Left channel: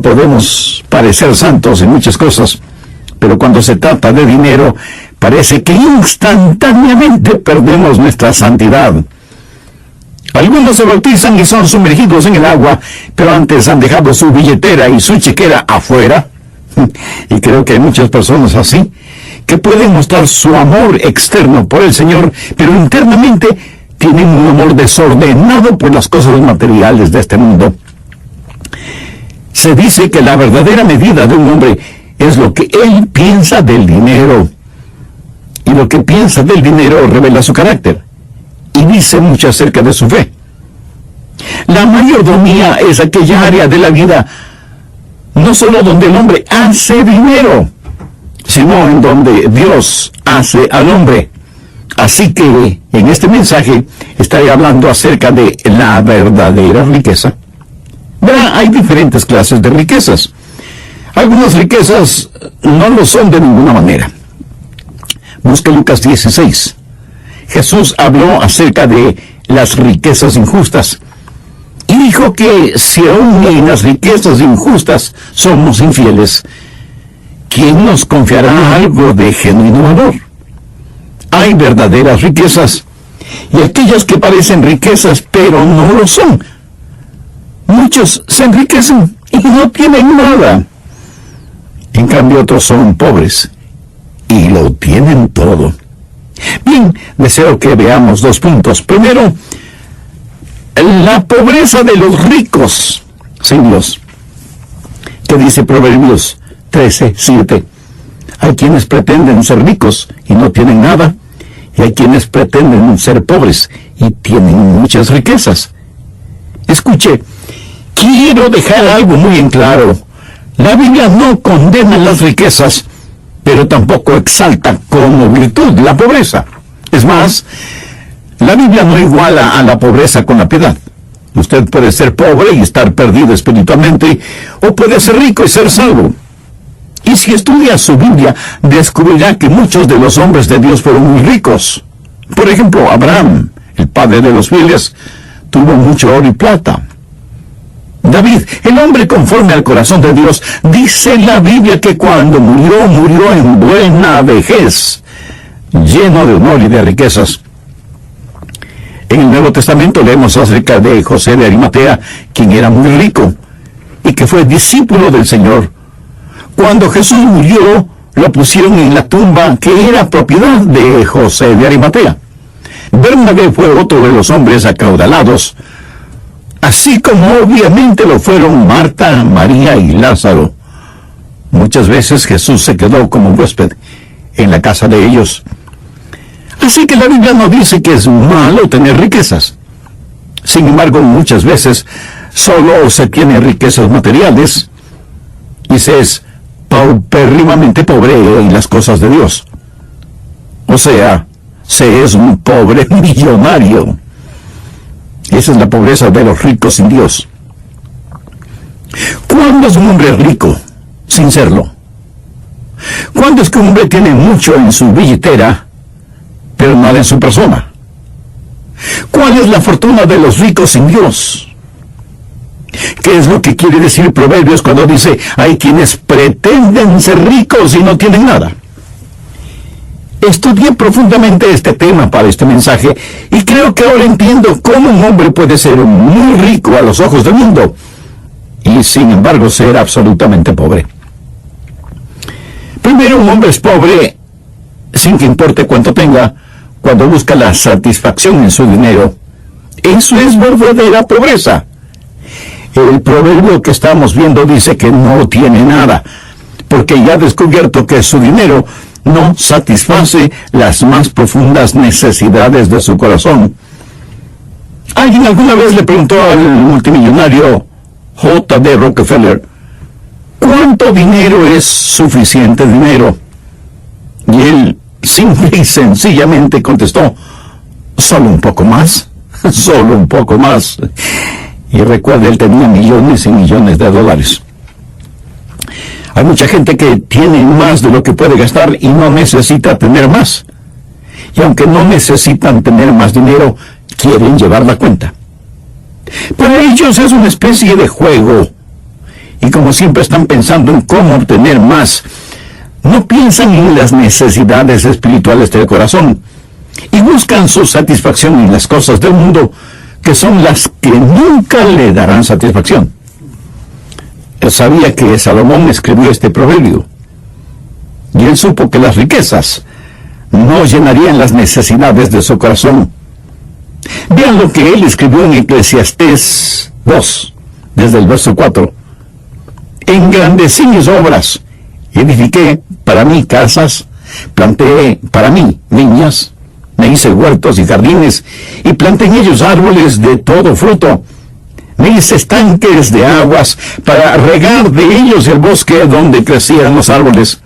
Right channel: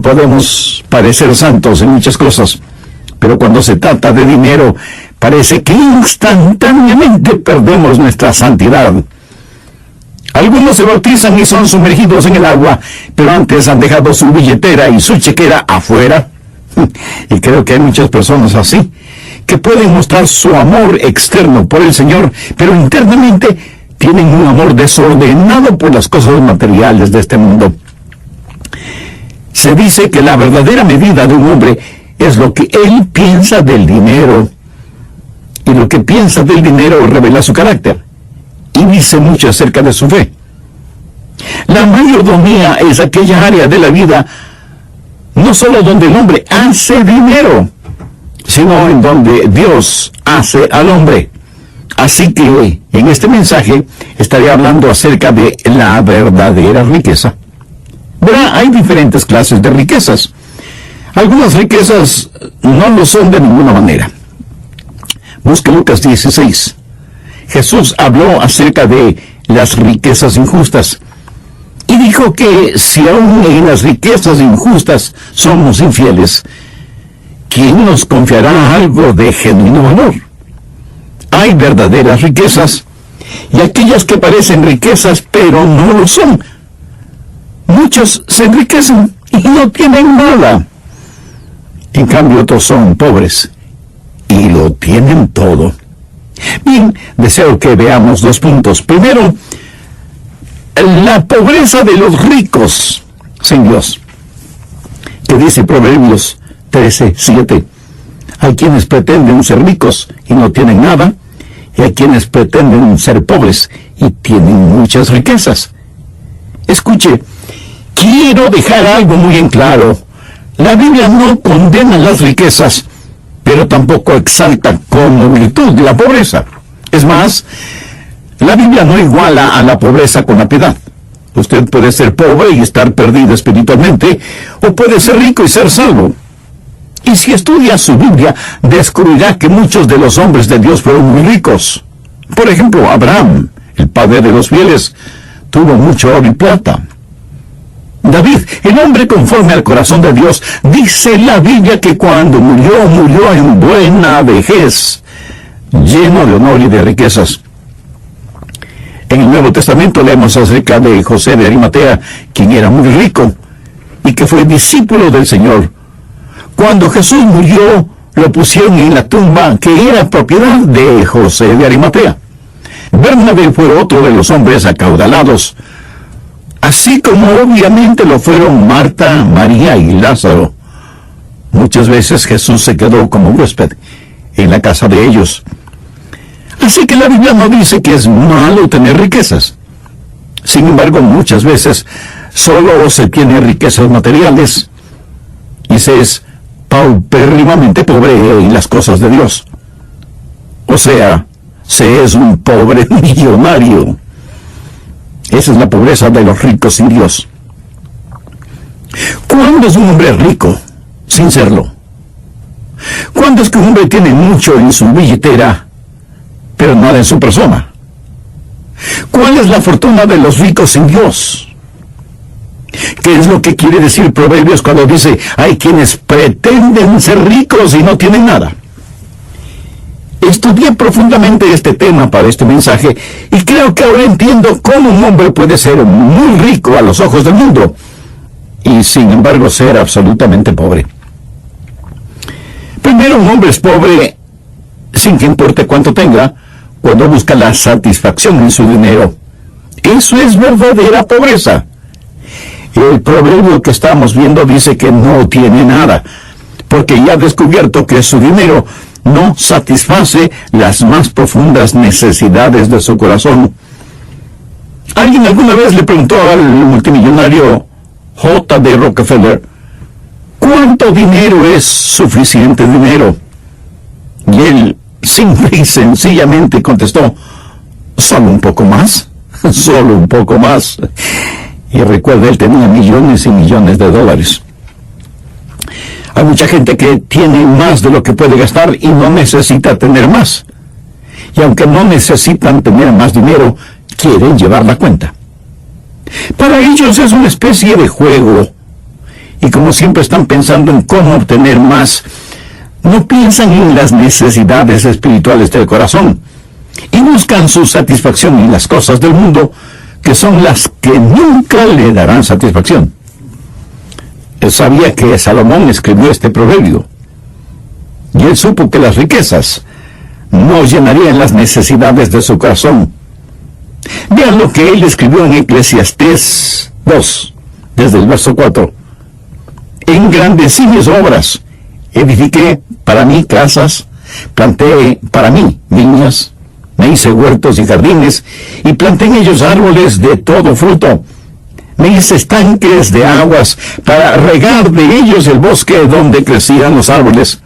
Podemos parecer santos en muchas cosas, pero cuando se trata de dinero, parece que instantáneamente perdemos nuestra santidad. Algunos se bautizan y son sumergidos en el agua, pero antes han dejado su billetera y su chequera afuera. Y creo que hay muchas personas así, que pueden mostrar su amor externo por el Señor, pero internamente tienen un amor desordenado por las cosas materiales de este mundo. Se dice que la verdadera medida de un hombre es lo que él piensa del dinero. Y lo que piensa del dinero revela su carácter y dice mucho acerca de su fe. La mayordomía es aquella área de la vida no solo donde el hombre hace dinero, sino en donde Dios hace al hombre. Así que en este mensaje estaré hablando acerca de la verdadera riqueza. Verá, hay diferentes clases de riquezas. Algunas riquezas no lo son de ninguna manera. Busque Lucas 16. Jesús habló acerca de las riquezas injustas y dijo que si aún en las riquezas injustas somos infieles, ¿quién nos confiará algo de genuino valor? Hay verdaderas riquezas y aquellas que parecen riquezas pero no lo son. Muchos se enriquecen y no tienen nada. En cambio otros son pobres y lo tienen todo. Bien, deseo que veamos 2 puntos. Primero, la pobreza de los ricos sin Dios. Que dice Proverbios 13:7. Hay quienes pretenden ser ricos y no tienen nada, y hay quienes pretenden ser pobres y tienen muchas riquezas. Escuche, quiero dejar algo muy en claro. La Biblia no condena las riquezas, pero tampoco exalta como virtud la pobreza. Es más, la Biblia no iguala a la pobreza con la piedad. Usted puede ser pobre y estar perdido espiritualmente, o puede ser rico y ser salvo. Y si estudia su Biblia, descubrirá que muchos de los hombres de Dios fueron muy ricos. Por ejemplo, Abraham, el padre de los fieles, tuvo mucho oro y plata. David, el hombre conforme al corazón de Dios, dice la Biblia que cuando murió, murió en buena vejez, lleno de honor y de riquezas. En el Nuevo Testamento leemos acerca de José de Arimatea, quien era muy rico y que fue discípulo del Señor. Cuando Jesús murió, lo pusieron en la tumba que era propiedad de José de Arimatea. Bernabé fue otro de los hombres acaudalados, así como obviamente lo fueron Marta, María y Lázaro. Muchas veces Jesús se quedó como huésped en la casa de ellos. Así que la Biblia no dice que es malo tener riquezas. Sin embargo, muchas veces solo se tiene riquezas materiales y se es paupérrimamente pobre en las cosas de Dios. O sea, se es un pobre millonario. Esa es la pobreza de los ricos sin Dios. ¿Cuándo es un hombre rico sin serlo? ¿Cuándo es que un hombre tiene mucho en su billetera, pero nada en su persona? ¿Cuál es la fortuna de los ricos sin Dios? ¿Qué es lo que quiere decir Proverbios cuando dice, hay quienes pretenden ser ricos y no tienen nada? Estudié profundamente este tema para este mensaje y creo que ahora entiendo cómo un hombre puede ser muy rico a los ojos del mundo y sin embargo ser absolutamente pobre. Primero, un hombre es pobre sin que importe cuánto tenga cuando busca la satisfacción en su dinero. Eso es verdadera pobreza. El proverbio que estamos viendo dice que no tiene nada, porque ya ha descubierto que su dinero no satisface las más profundas necesidades de su corazón. Alguien alguna vez le preguntó al multimillonario J.D. Rockefeller, ¿cuánto dinero es suficiente dinero? Y él simple y sencillamente contestó, solo un poco más, solo un poco más. Y recuerda, él tenía millones y millones de dólares. Hay mucha gente que tiene más de lo que puede gastar y no necesita tener más. Y aunque no necesitan tener más dinero, quieren llevar la cuenta. Para ellos es una especie de juego. Y como siempre están pensando en cómo obtener más, no piensan en las necesidades espirituales del corazón y buscan su satisfacción en las cosas del mundo, que son las que nunca le darán satisfacción. Él sabía que Salomón escribió este proverbio, y él supo que las riquezas no llenarían las necesidades de su corazón. Vean lo que él escribió en Eclesiastés 2, desde el verso 4. Engrandecí mis obras, edifiqué para mí casas, planté para mí viñas, me hice huertos y jardines, y planté en ellos árboles de todo fruto. Me hice estanques de aguas para regar de ellos el bosque donde crecían los árboles.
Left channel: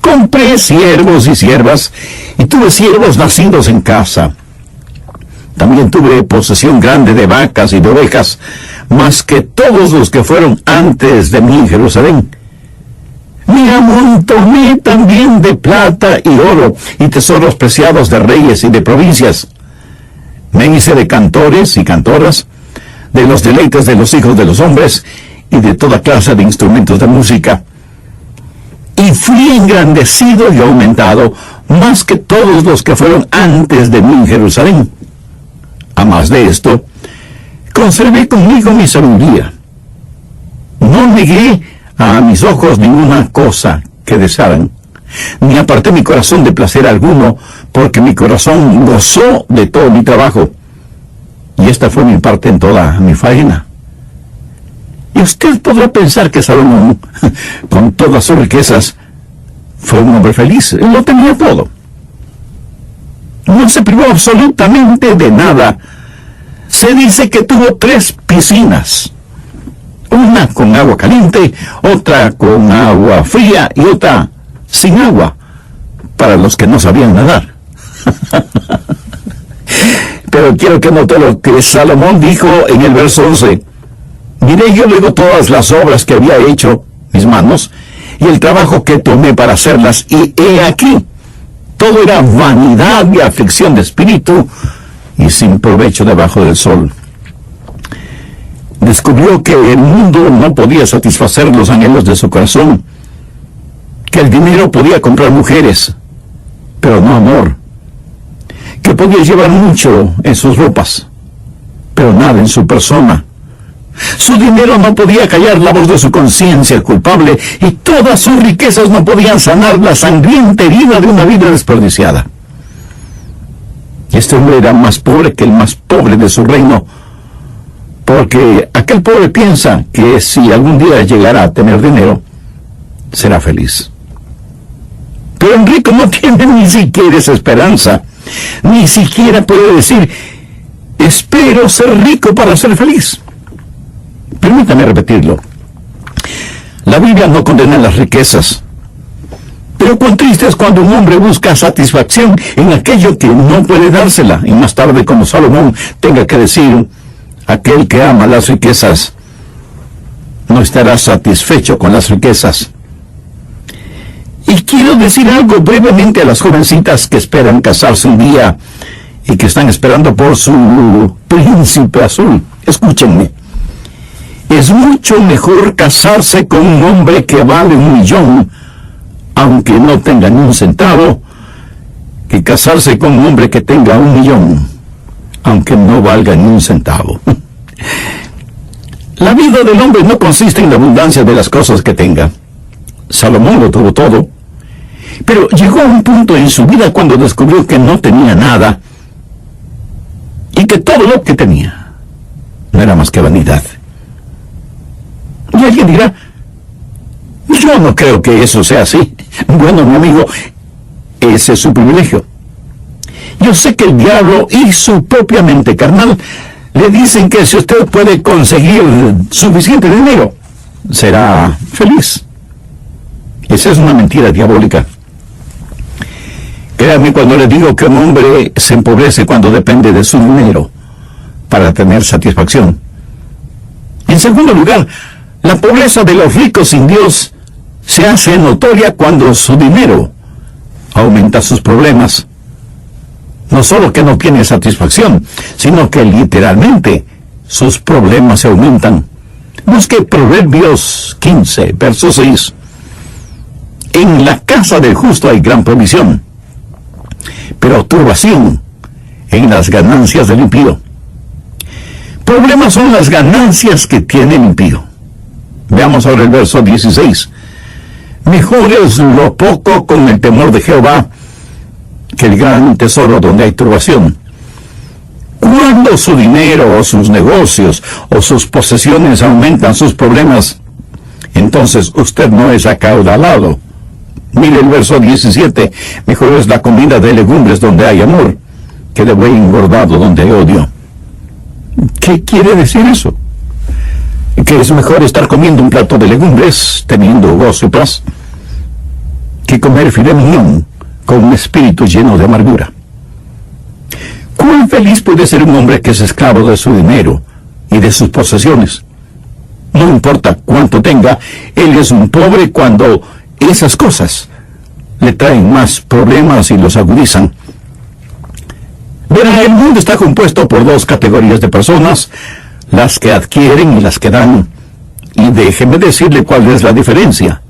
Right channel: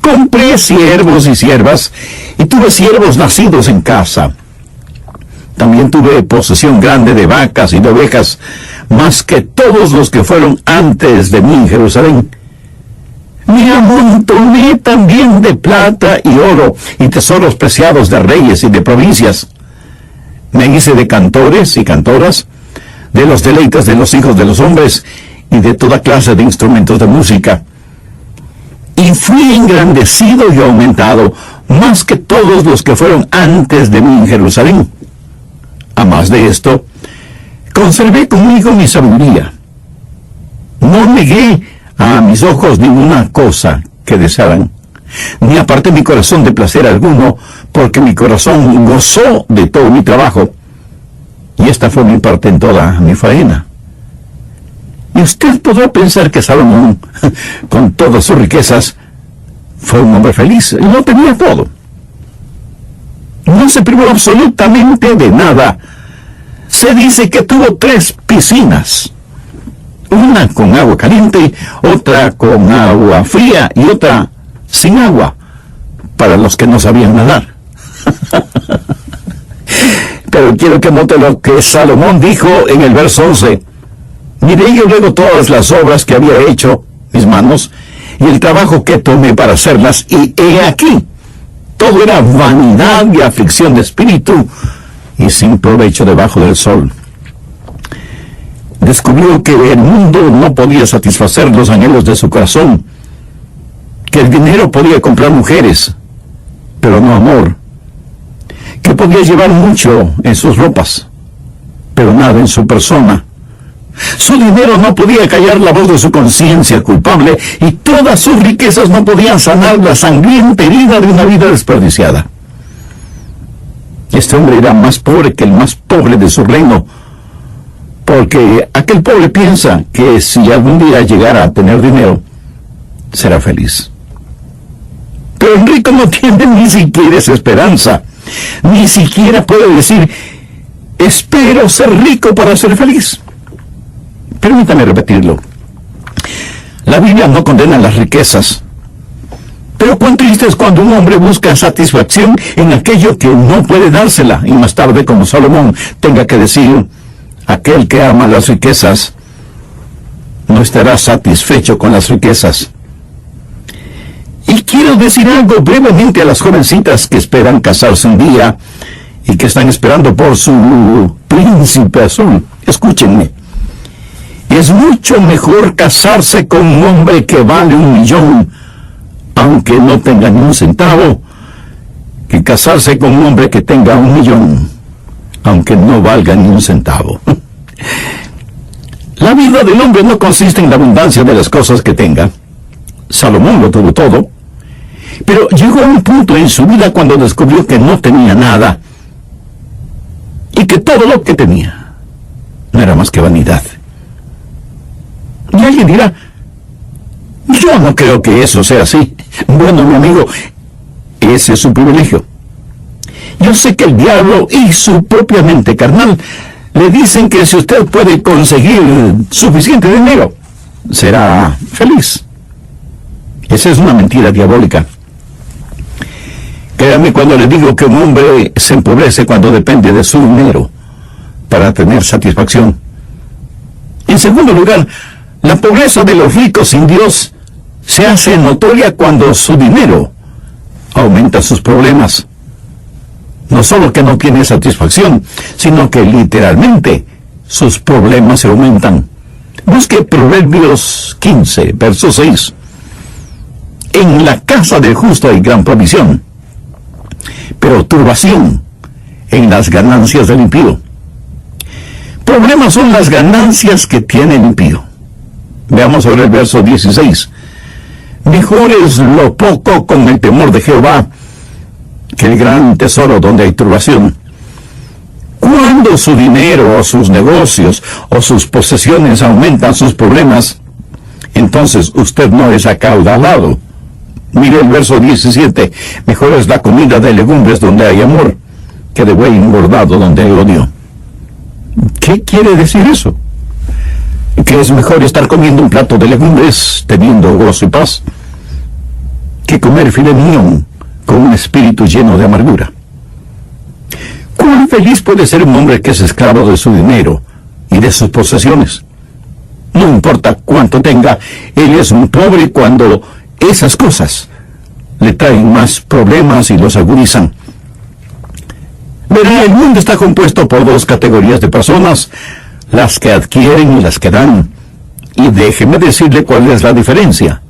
Compré siervos y siervas, y tuve siervos nacidos en casa. También tuve posesión grande de vacas y de ovejas, más que todos los que fueron antes de mí en Jerusalén. Me amontoné también de plata y oro, y tesoros preciados de reyes y de provincias. Me hice de cantores y cantoras, de los deleites de los hijos de los hombres, y de toda clase de instrumentos de música. Y fui engrandecido y aumentado, más que todos los que fueron antes de mí en Jerusalén. A más de esto, conservé conmigo mi sabiduría. No negué a mis ojos ninguna cosa que desearan, ni aparté mi corazón de placer alguno, porque mi corazón gozó de todo mi trabajo, y esta fue mi parte en toda mi faena. Y usted podrá pensar que Salomón, con todas sus riquezas, fue un hombre feliz. Lo tenía todo. No se privó absolutamente de nada. Se dice que tuvo 3 piscinas. Una con agua caliente, otra con agua fría y otra sin agua, para los que no sabían nadar. Pero quiero que note lo que Salomón dijo en el verso 11. Miré yo luego todas las obras que había hecho mis manos, y el trabajo que tomé para hacerlas, y he aquí, todo era vanidad y aflicción de espíritu, y sin provecho debajo del sol. Descubrió que el mundo no podía satisfacer los anhelos de su corazón, que el dinero podía comprar mujeres, pero no amor, que podía llevar mucho en sus ropas, pero nada en su persona. Su dinero no podía callar la voz de su conciencia culpable, y todas sus riquezas no podían sanar la sangrienta herida de una vida desperdiciada. Este hombre era más pobre que el más pobre de su reino, porque aquel pobre piensa que si algún día llegara a tener dinero, será feliz. Pero el rico no tiene ni siquiera esa esperanza. Ni siquiera puede decir, espero ser rico para ser feliz. Permítame repetirlo. La Biblia no condena las riquezas, pero cuán triste es cuando un hombre busca satisfacción en aquello que no puede dársela, y más tarde, como Salomón, tenga que decir, aquel que ama las riquezas no estará satisfecho con las riquezas. Y quiero decir algo brevemente a las jovencitas que esperan casarse un día y que están esperando por su príncipe azul. Escúchenme. Es mucho mejor casarse con un hombre que vale 1 millón, aunque no tenga ni un centavo, que casarse con un hombre que tenga 1 millón, aunque no valga ni un centavo. La vida del hombre no consiste en la abundancia de las cosas que tenga. Salomón lo tuvo todo, pero llegó a un punto en su vida cuando descubrió que no tenía nada, y que todo lo que tenía no era más que vanidad. Y alguien dirá, yo no creo que eso sea así. Bueno, mi amigo, ese es su privilegio. Yo sé que el diablo y su propia mente carnal le dicen que si usted puede conseguir suficiente dinero, será feliz. Esa es una mentira diabólica. Créame cuando le digo que un hombre se empobrece cuando depende de su dinero para tener satisfacción. En segundo lugar, la pobreza de los ricos sin Dios se hace notoria cuando su dinero aumenta sus problemas. No solo que no tiene satisfacción, sino que literalmente sus problemas se aumentan. Busque Proverbios 15, verso 6. En la casa del justo hay gran provisión, pero turbación en las ganancias del impío. Problemas son las ganancias que tiene el impío. Veamos ahora el verso 16. Mejor es lo poco con el temor de Jehová que el gran tesoro donde hay turbación. Cuando su dinero o sus negocios o sus posesiones aumentan sus problemas, entonces usted no es acaudalado. Mire el verso 17. Mejor es la comida de legumbres donde hay amor que de buey engordado donde hay odio. ¿Qué quiere decir eso? Que es mejor estar comiendo un plato de legumbres teniendo gozo y paz que comer filet mignon con un espíritu lleno de amargura. ¿Cuán feliz puede ser un hombre que es esclavo de su dinero y de sus posesiones? No importa cuánto tenga, él es un pobre cuando esas cosas le traen más problemas y los agudizan. Verá, el mundo está compuesto por dos categorías de personas, las que adquieren y las que dan. Y déjeme decirle cuál es la diferencia.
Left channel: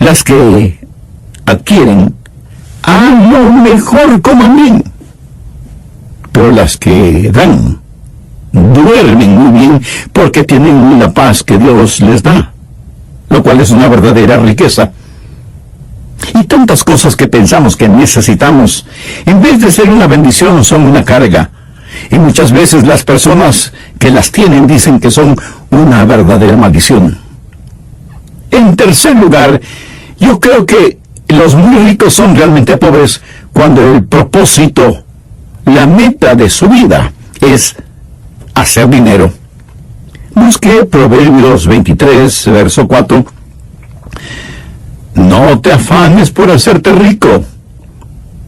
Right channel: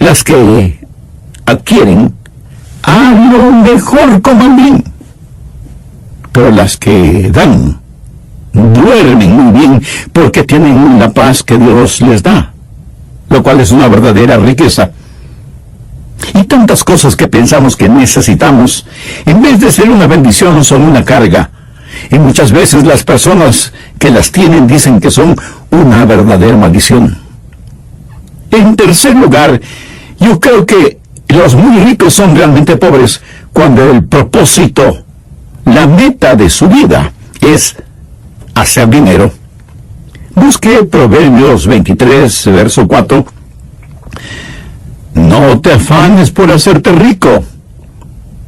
Las que adquieren a lo mejor coman bien, pero las que dan duermen muy bien porque tienen la paz que Dios les da, lo cual es una verdadera riqueza. Y tantas cosas que pensamos que necesitamos, en vez de ser una bendición, son una carga. Y muchas veces las personas que las tienen dicen que son una verdadera maldición. En tercer lugar, yo creo que los muy ricos son realmente pobres cuando el propósito, la meta de su vida es hacer dinero. Busque Proverbios 23, verso 4. No te afanes por hacerte rico.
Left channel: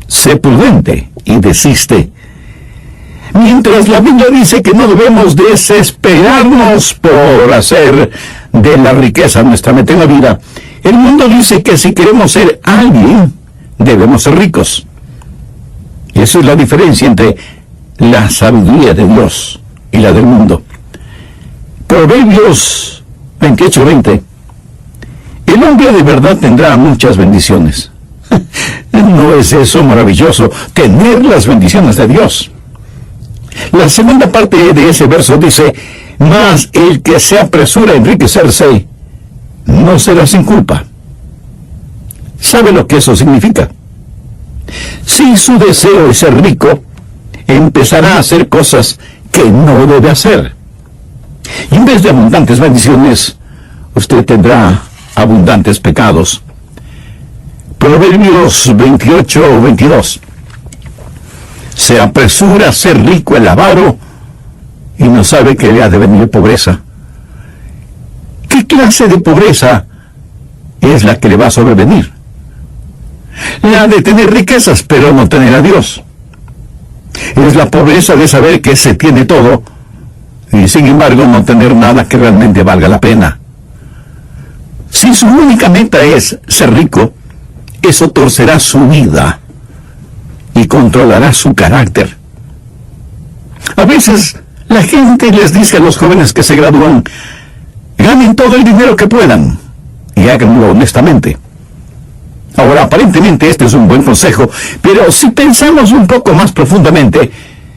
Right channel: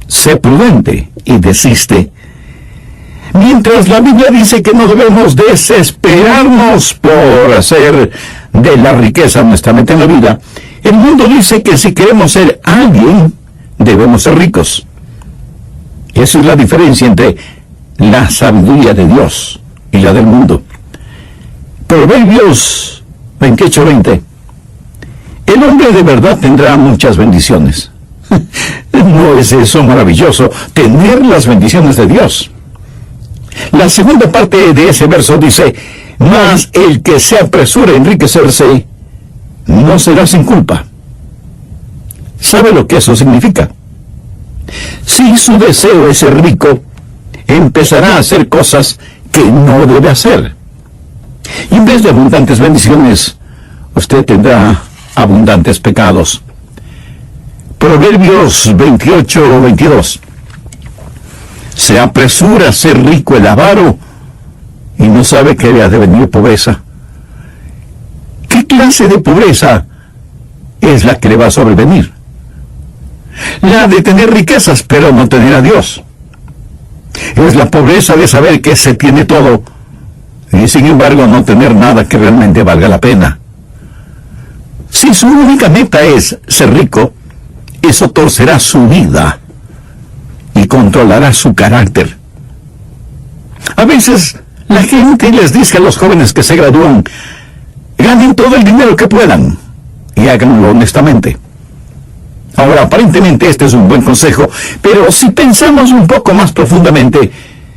Sé prudente y desiste. Mientras la Biblia dice que no debemos desesperarnos por hacer de la riqueza nuestra meta en la vida, el mundo dice que si queremos ser alguien, debemos ser ricos. Esa es la diferencia entre la sabiduría de Dios y la del mundo. Proverbios 28:20. El hombre de verdad tendrá muchas bendiciones. ¿No es eso maravilloso? Tener las bendiciones de Dios. La segunda parte de ese verso dice, mas el que se apresura a enriquecerse, no será sin culpa. ¿Sabe lo que eso significa? Si su deseo es ser rico, empezará a hacer cosas que no debe hacer. Y en vez de abundantes bendiciones, usted tendrá abundantes pecados. Proverbios 28:22. Se apresura a ser rico el avaro y no sabe que le ha de venir pobreza. ¿Qué clase de pobreza es la que le va a sobrevenir? La de tener riquezas pero no tener a Dios. Es la pobreza de saber que se tiene todo y sin embargo no tener nada que realmente valga la pena. Si su única meta es ser rico, eso torcerá su vida y controlará su carácter. A veces la gente les dice a los jóvenes que se gradúan, ganen todo el dinero que puedan y háganlo honestamente. Ahora, aparentemente este es un buen consejo, pero si pensamos un poco más profundamente,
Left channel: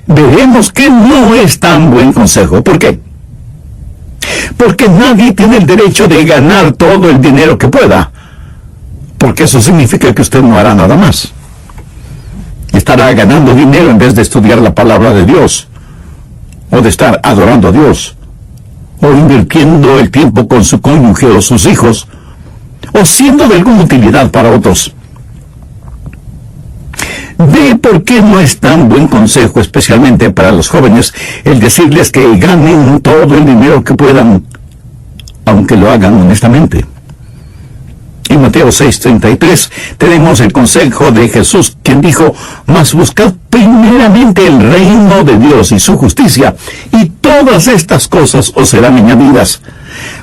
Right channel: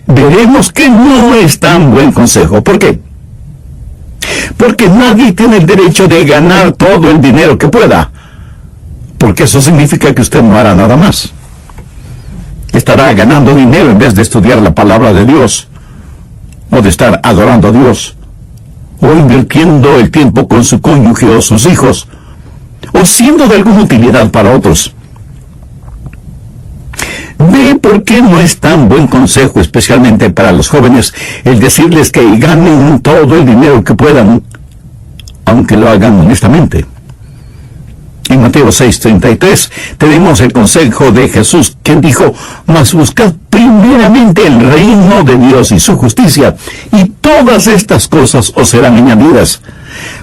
veremos que no es tan buen consejo. ¿Por qué? Porque nadie tiene el derecho de ganar todo el dinero que pueda, porque eso significa que usted no hará nada más. Estará ganando dinero en vez de estudiar la palabra de Dios, o de estar adorando a Dios, o invirtiendo el tiempo con su cónyuge o sus hijos, o siendo de alguna utilidad para otros. ¿Ve por qué no es tan buen consejo, especialmente para los jóvenes, el decirles que ganen todo el dinero que puedan, aunque lo hagan honestamente? En Mateo 6:33 tenemos el consejo de Jesús, quien dijo, mas buscad primeramente el reino de Dios y su justicia, y todas estas cosas os serán añadidas.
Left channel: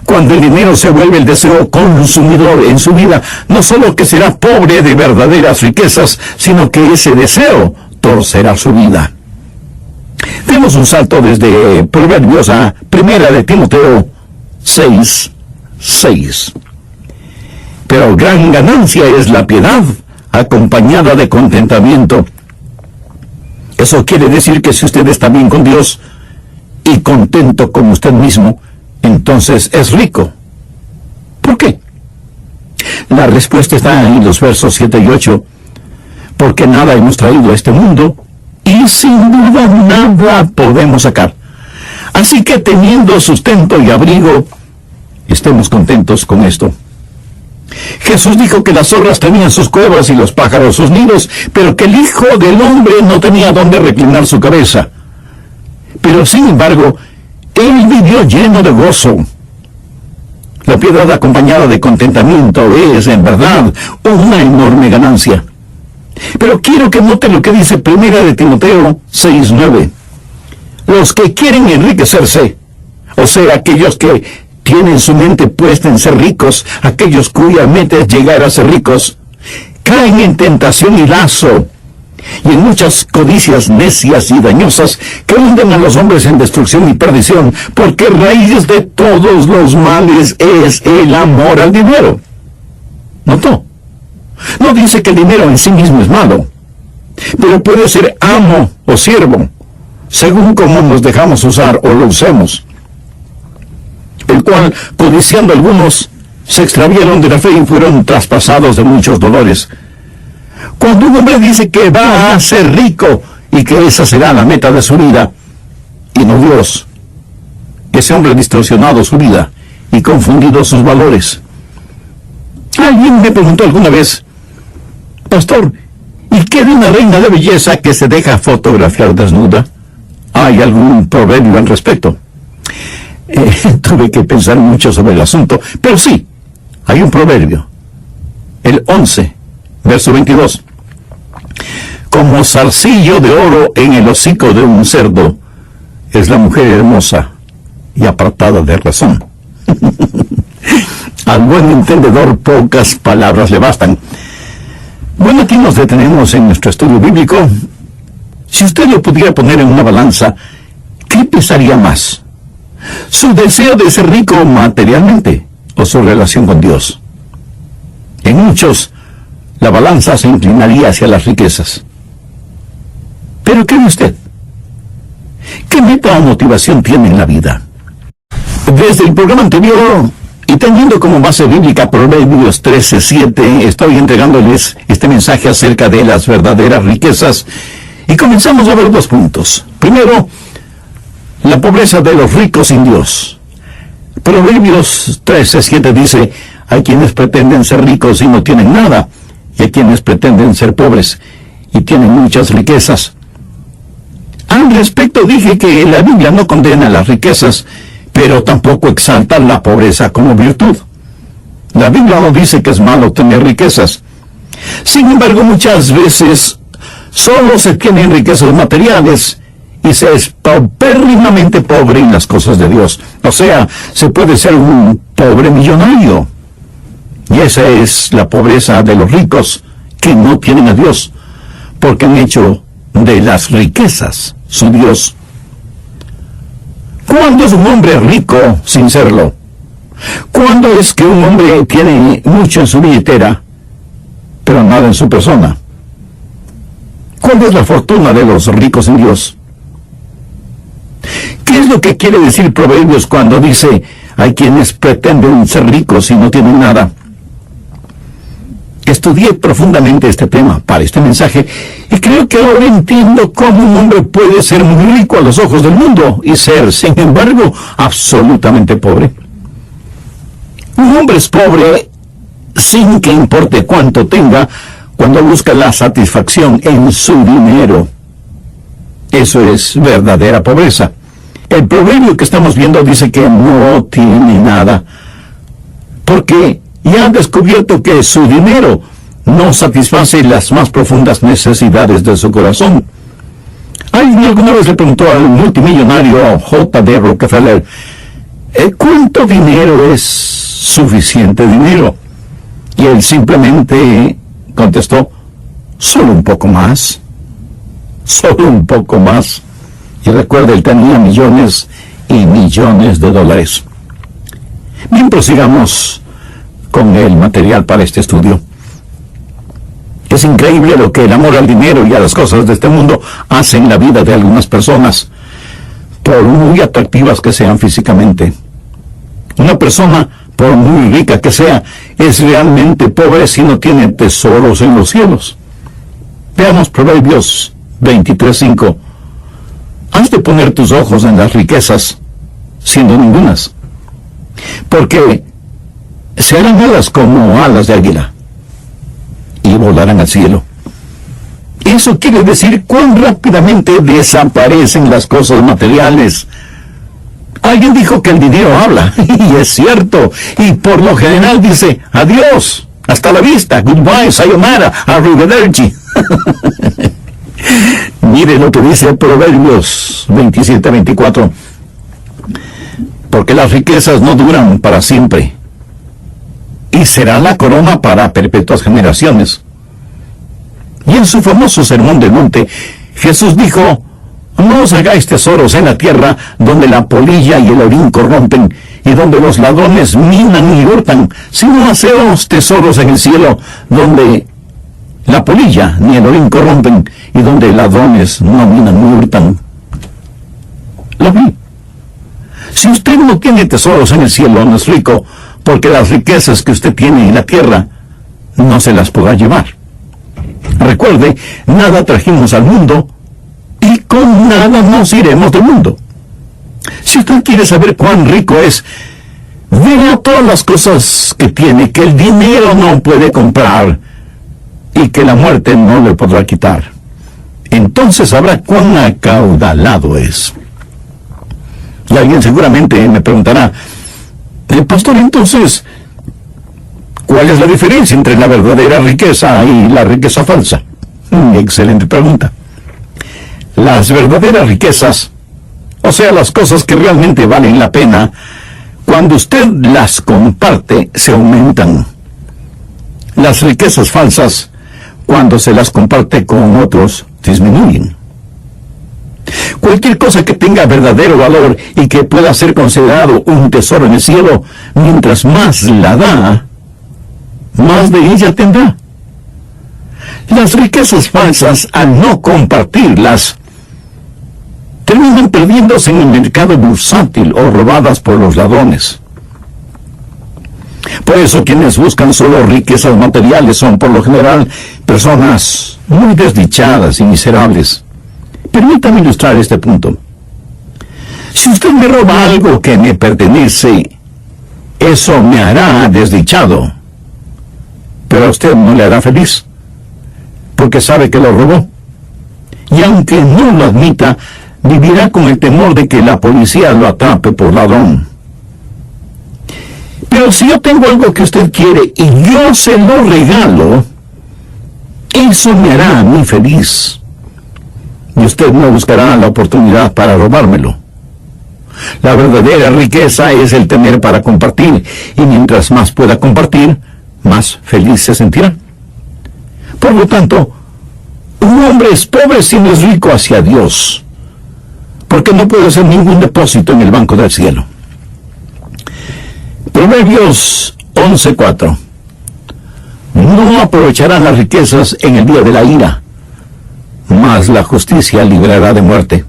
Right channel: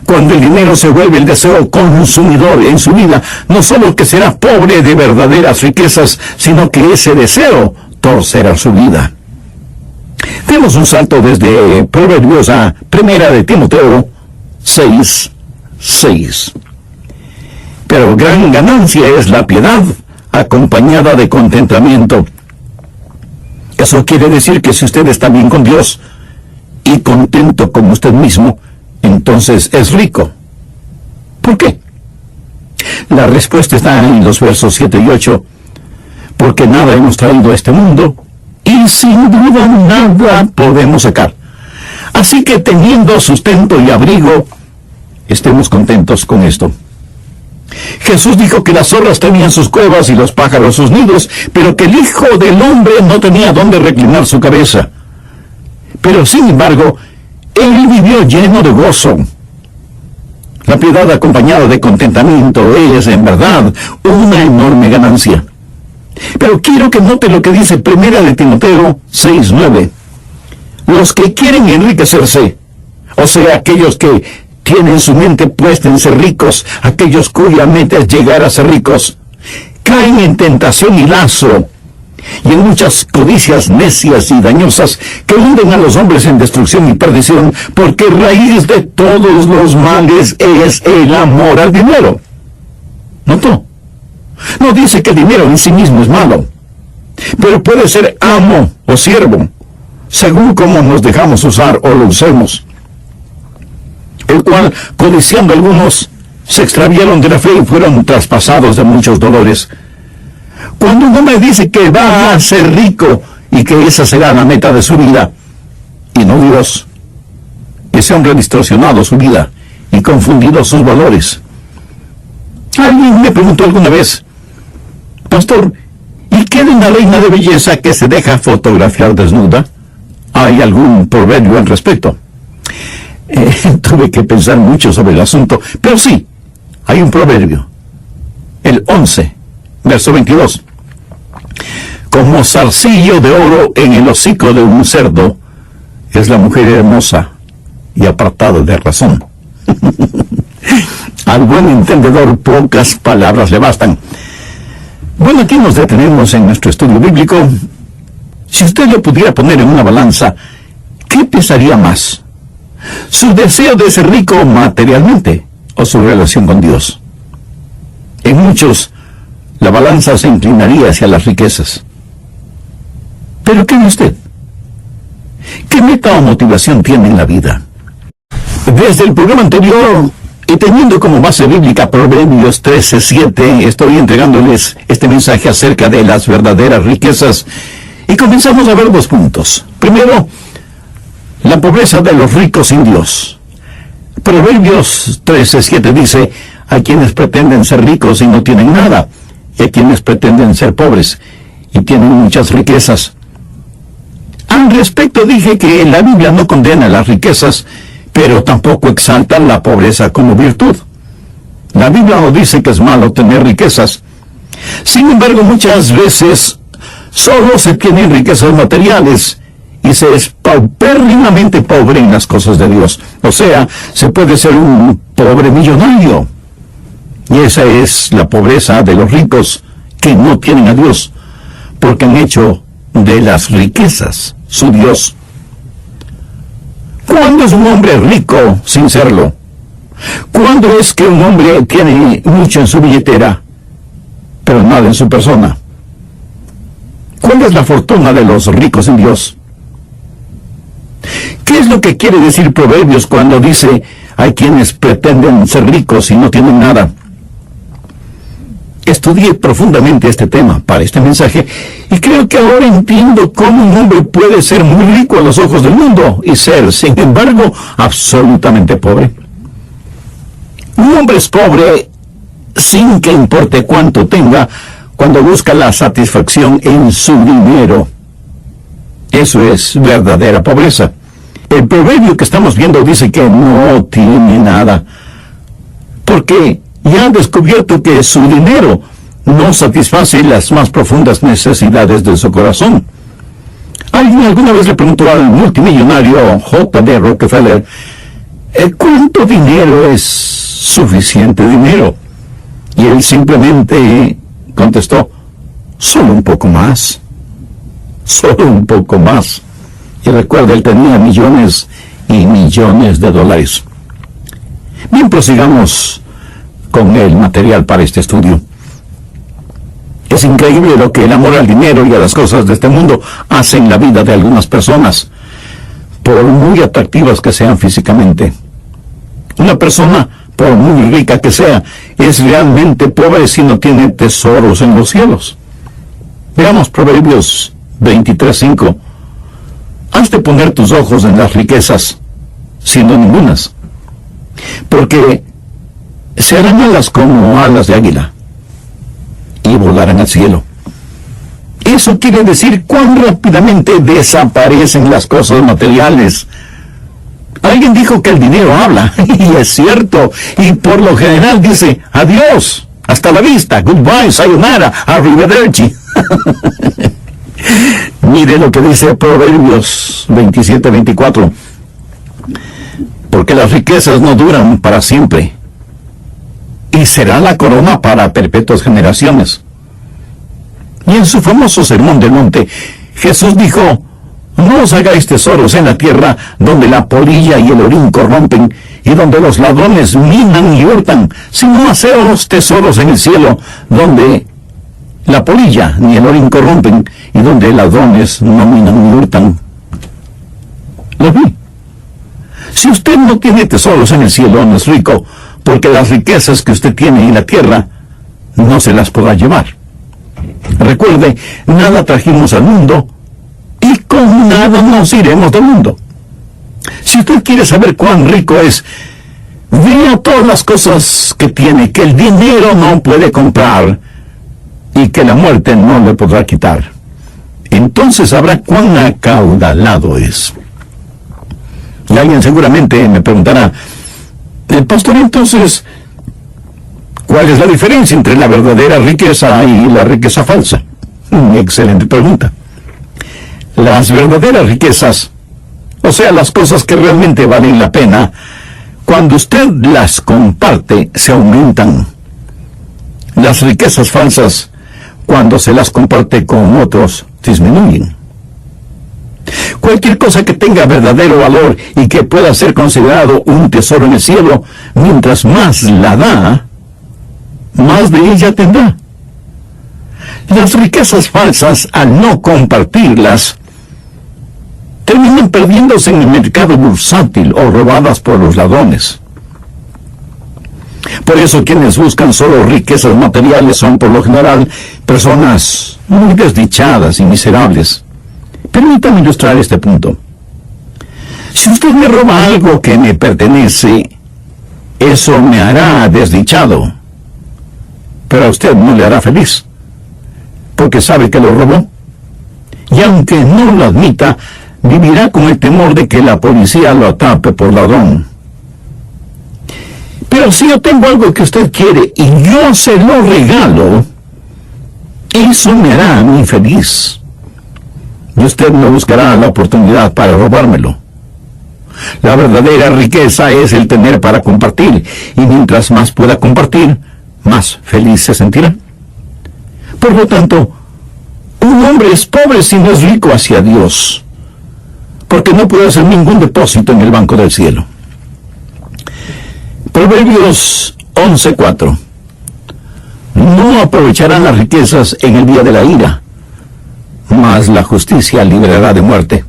Cuando el dinero se vuelve el deseo consumidor en su vida, no solo que será pobre de verdaderas riquezas, sino que ese deseo torcerá su vida. Demos un salto desde Proverbios a Primera de Timoteo 6:6. Pero gran ganancia es la piedad acompañada de contentamiento. Eso quiere decir que si usted está bien con Dios y contento como usted mismo, entonces es rico. ¿Por qué? La respuesta está en los versos 7 y 8. Porque nada hemos traído a este mundo y sin duda nada podemos sacar. Así que teniendo sustento y abrigo, estemos contentos con esto. Jesús dijo que las zorras tenían sus cuevas y los pájaros sus nidos, pero que el Hijo del Hombre no tenía dónde reclinar su cabeza. Pero sin embargo, Él vivió lleno de gozo. La piedad acompañada de contentamiento es, en verdad, una enorme ganancia. Pero quiero que note lo que dice 1 de Timoteo 6:9. Los que quieren enriquecerse, o sea, aquellos que tienen su mente puesta en ser ricos, aquellos cuya meta es llegar a ser ricos, caen en tentación y lazo, y en muchas codicias necias y dañosas que hunden a los hombres en destrucción y perdición, porque raíz de todos los males es el amor al dinero. ¿Notó? No dice que el dinero en sí mismo es malo, pero puede ser amo o siervo, según como nos dejamos usar o lo usemos, el cual, codiciando algunos, se extraviaron de la fe y fueron traspasados de muchos dolores. Cuando un hombre dice que va a ser rico y que esa será la meta de su vida, y no Dios, ese hombre ha distorsionado su vida y confundido sus valores. Alguien me preguntó alguna vez: Pastor, ¿y qué de una reina de belleza que se deja fotografiar desnuda? ¿Hay algún proverbio al respecto? Tuve que pensar mucho sobre el asunto, pero sí, hay un proverbio. El 11, verso 22. Como zarcillo de oro en el hocico de un cerdo es la mujer hermosa y apartada de razón. Al buen entendedor pocas palabras le bastan. Bueno, aquí nos detenemos en nuestro estudio bíblico. Si usted lo pudiera poner en una balanza, ¿qué pesaría más? ¿Su deseo de ser rico materialmente o su relación con Dios? En muchos, la balanza se inclinaría hacia las riquezas. ¿Pero qué ve usted? ¿Qué meta o motivación tiene en la vida? Desde el programa anterior, y teniendo como base bíblica Proverbios 13:7, estoy entregándoles este mensaje acerca de las verdaderas riquezas, y comenzamos a ver dos puntos. Primero, la pobreza de los ricos sin Dios. Proverbios 13:7 dice: hay quienes pretenden ser ricos y no tienen nada, y hay quienes pretenden ser pobres y tienen muchas riquezas. Al respecto dije que la Biblia no condena las riquezas, pero tampoco exalta la pobreza como virtud. La Biblia no dice que es malo tener riquezas. Sin embargo, muchas veces solo se tienen riquezas materiales y se es paupérrimamente pobre en las cosas de Dios. O sea, se puede ser un pobre millonario. Y esa es la pobreza de los ricos que no tienen a Dios, porque han hecho de las riquezas su Dios. ¿Cuándo es un hombre rico sin serlo? ¿Cuándo es que un hombre tiene mucho en su billetera, pero nada en su persona? ¿Cuál es la fortuna de los ricos en Dios? ¿Qué es lo que quiere decir Proverbios cuando dice: hay quienes pretenden ser ricos y no tienen nada? Estudié profundamente este tema para este mensaje y creo que ahora entiendo cómo un hombre puede ser muy rico a los ojos del mundo y ser, sin embargo, absolutamente pobre. Un hombre es pobre sin que importe cuánto tenga cuando busca la satisfacción en su dinero. Eso es verdadera pobreza. El proverbio que estamos viendo dice que no tiene nada, porque ya ha descubierto que su dinero no satisface las más profundas necesidades de su corazón. Alguien alguna vez le preguntó al multimillonario J.D. Rockefeller: ¿cuánto dinero es suficiente dinero? Y él simplemente contestó: solo un poco más. Solo un poco más. Y recuerda, él tenía millones y millones de dólares. Bien, prosigamos con el material para este estudio. Es increíble lo que el amor al dinero y a las cosas de este mundo hace en la vida de algunas personas, por muy atractivas que sean físicamente. Una persona, por muy rica que sea, es realmente pobre si no tiene tesoros en los cielos. Veamos Proverbios 23:5. Has de poner tus ojos en las riquezas, siendo ningunas, porque se harán alas como alas de águila y volarán al cielo. Eso quiere decir cuán rápidamente desaparecen las cosas materiales. Alguien dijo que el dinero habla, y es cierto, y por lo general dice adiós, hasta la vista, goodbye, sayonara, arrivederci. Mire lo que dice Proverbios 27:24. Porque las riquezas no duran para siempre, y será la corona para perpetuas generaciones. Y en su famoso Sermón del Monte, Jesús dijo: no os hagáis tesoros en la tierra, donde la polilla y el orín corrompen, y donde los ladrones minan y hurtan, sino haceos tesoros en el cielo, donde la polilla ni el orín corrompen, y donde ladrones no minan ni hurtan. Lo vi. Si usted no tiene tesoros en el cielo, no es rico, porque las riquezas que usted tiene en la tierra no se las podrá llevar. Recuerde, nada trajimos al mundo, y con nada nos iremos del mundo. Si usted quiere saber cuán rico es, vea todas las cosas que tiene, que el dinero no puede comprar, y que la muerte no le podrá quitar. Entonces sabrá cuán acaudalado es. Y alguien seguramente me preguntará: pastor, entonces, ¿cuál es la diferencia entre la verdadera riqueza y la riqueza falsa? Excelente pregunta. Las verdaderas riquezas, o sea, las cosas que realmente valen la pena, cuando usted las comparte, se aumentan. Las riquezas falsas, cuando se las comparte con otros, disminuyen. Cualquier cosa que tenga verdadero valor y que pueda ser considerado un tesoro en el cielo, mientras más la da, más de ella tendrá. Las riquezas falsas, al no compartirlas, terminan perdiéndose en el mercado bursátil o robadas por los ladrones. Por eso quienes buscan solo riquezas materiales son por lo general personas muy desdichadas y miserables. Permítame ilustrar este punto. Si usted me roba algo que me pertenece, eso me hará desdichado, pero a usted no le hará feliz, porque sabe que lo robó. Y aunque no lo admita, vivirá con el temor de que la policía lo atrape por ladrón. Pero si yo tengo algo que usted quiere y yo se lo regalo, eso me hará a mí feliz. Y usted no buscará la oportunidad para robármelo. La verdadera riqueza es el tener para compartir, y mientras más pueda compartir, más feliz se sentirá. Por lo tanto, un hombre es pobre si no es rico hacia Dios, porque no puede hacer ningún depósito en el banco del cielo. Proverbios 11:4. No aprovecharán las riquezas en el día de la ira, mas la justicia librará de muerte.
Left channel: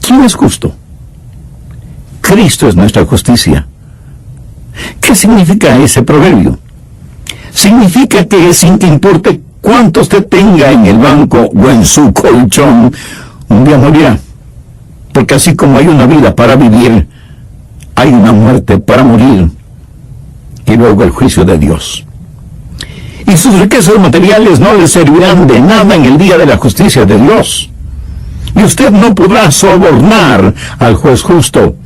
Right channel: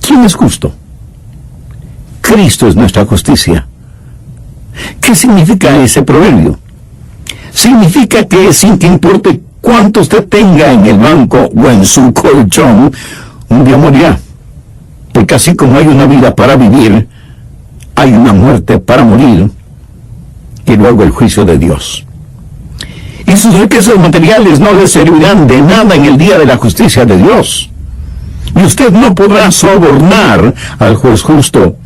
¿Quién es justo? Cristo es nuestra justicia. ¿Qué significa ese proverbio? Significa que sin que importe cuánto usted tenga en el banco o en su colchón, un día morirá. Porque así como hay una vida para vivir, hay una muerte para morir, y luego el juicio de Dios. Y sus riquezas materiales no le servirán de nada en el día de la justicia de Dios. Y usted no podrá sobornar al juez justo.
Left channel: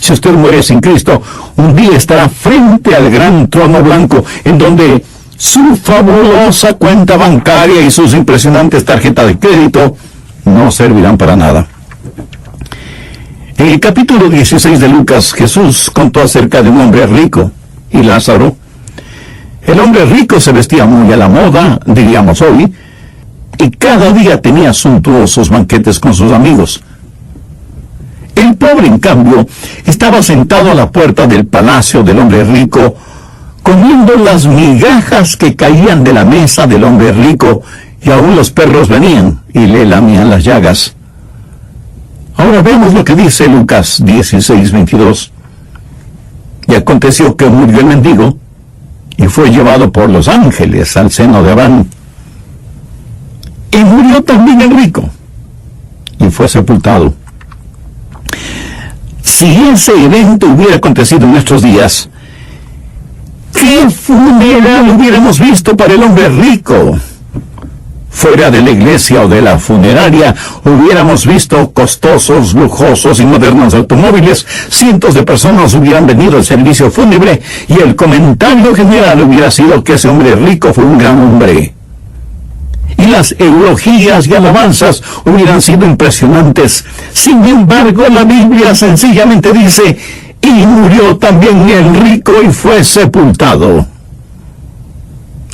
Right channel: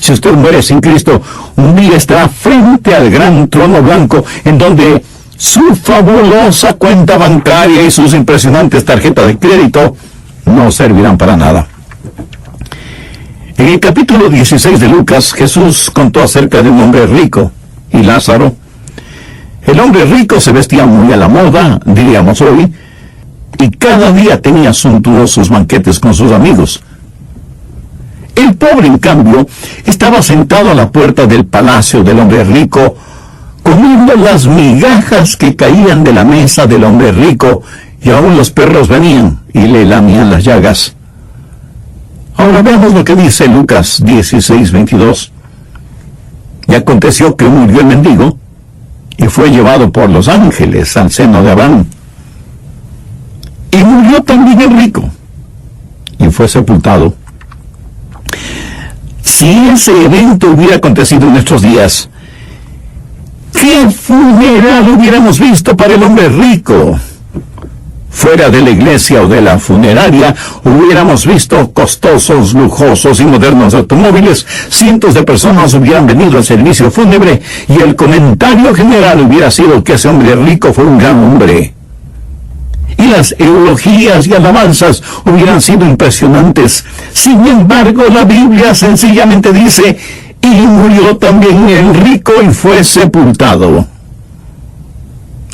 Si usted muere sin Cristo, un día estará frente al gran trono blanco, en donde su fabulosa cuenta bancaria y sus impresionantes tarjetas de crédito no servirán para nada. En el capítulo 16 de Lucas, Jesús contó acerca de un hombre rico y Lázaro. El hombre rico se vestía muy a la moda, diríamos hoy, y cada día tenía suntuosos banquetes con sus amigos. El pobre, en cambio, estaba sentado a la puerta del palacio del hombre rico, comiendo las migajas que caían de la mesa del hombre rico, y aún los perros venían y le lamían las llagas. Ahora veamos lo que dice Lucas 16:22. Y aconteció que murió el mendigo, y fue llevado por los ángeles al seno de Abraham. Y murió también el rico, y fue sepultado. Si ese evento hubiera acontecido en nuestros días, ¿qué funeral hubiéramos visto para el hombre rico? Fuera de la iglesia o de la funeraria, hubiéramos visto costosos, lujosos y modernos automóviles. Cientos de personas hubieran venido al servicio fúnebre y el comentario general hubiera sido que ese hombre rico fue un gran hombre. Y las eulogías y alabanzas hubieran sido impresionantes. Sin embargo, la Biblia sencillamente dice: y murió también el rico y fue sepultado.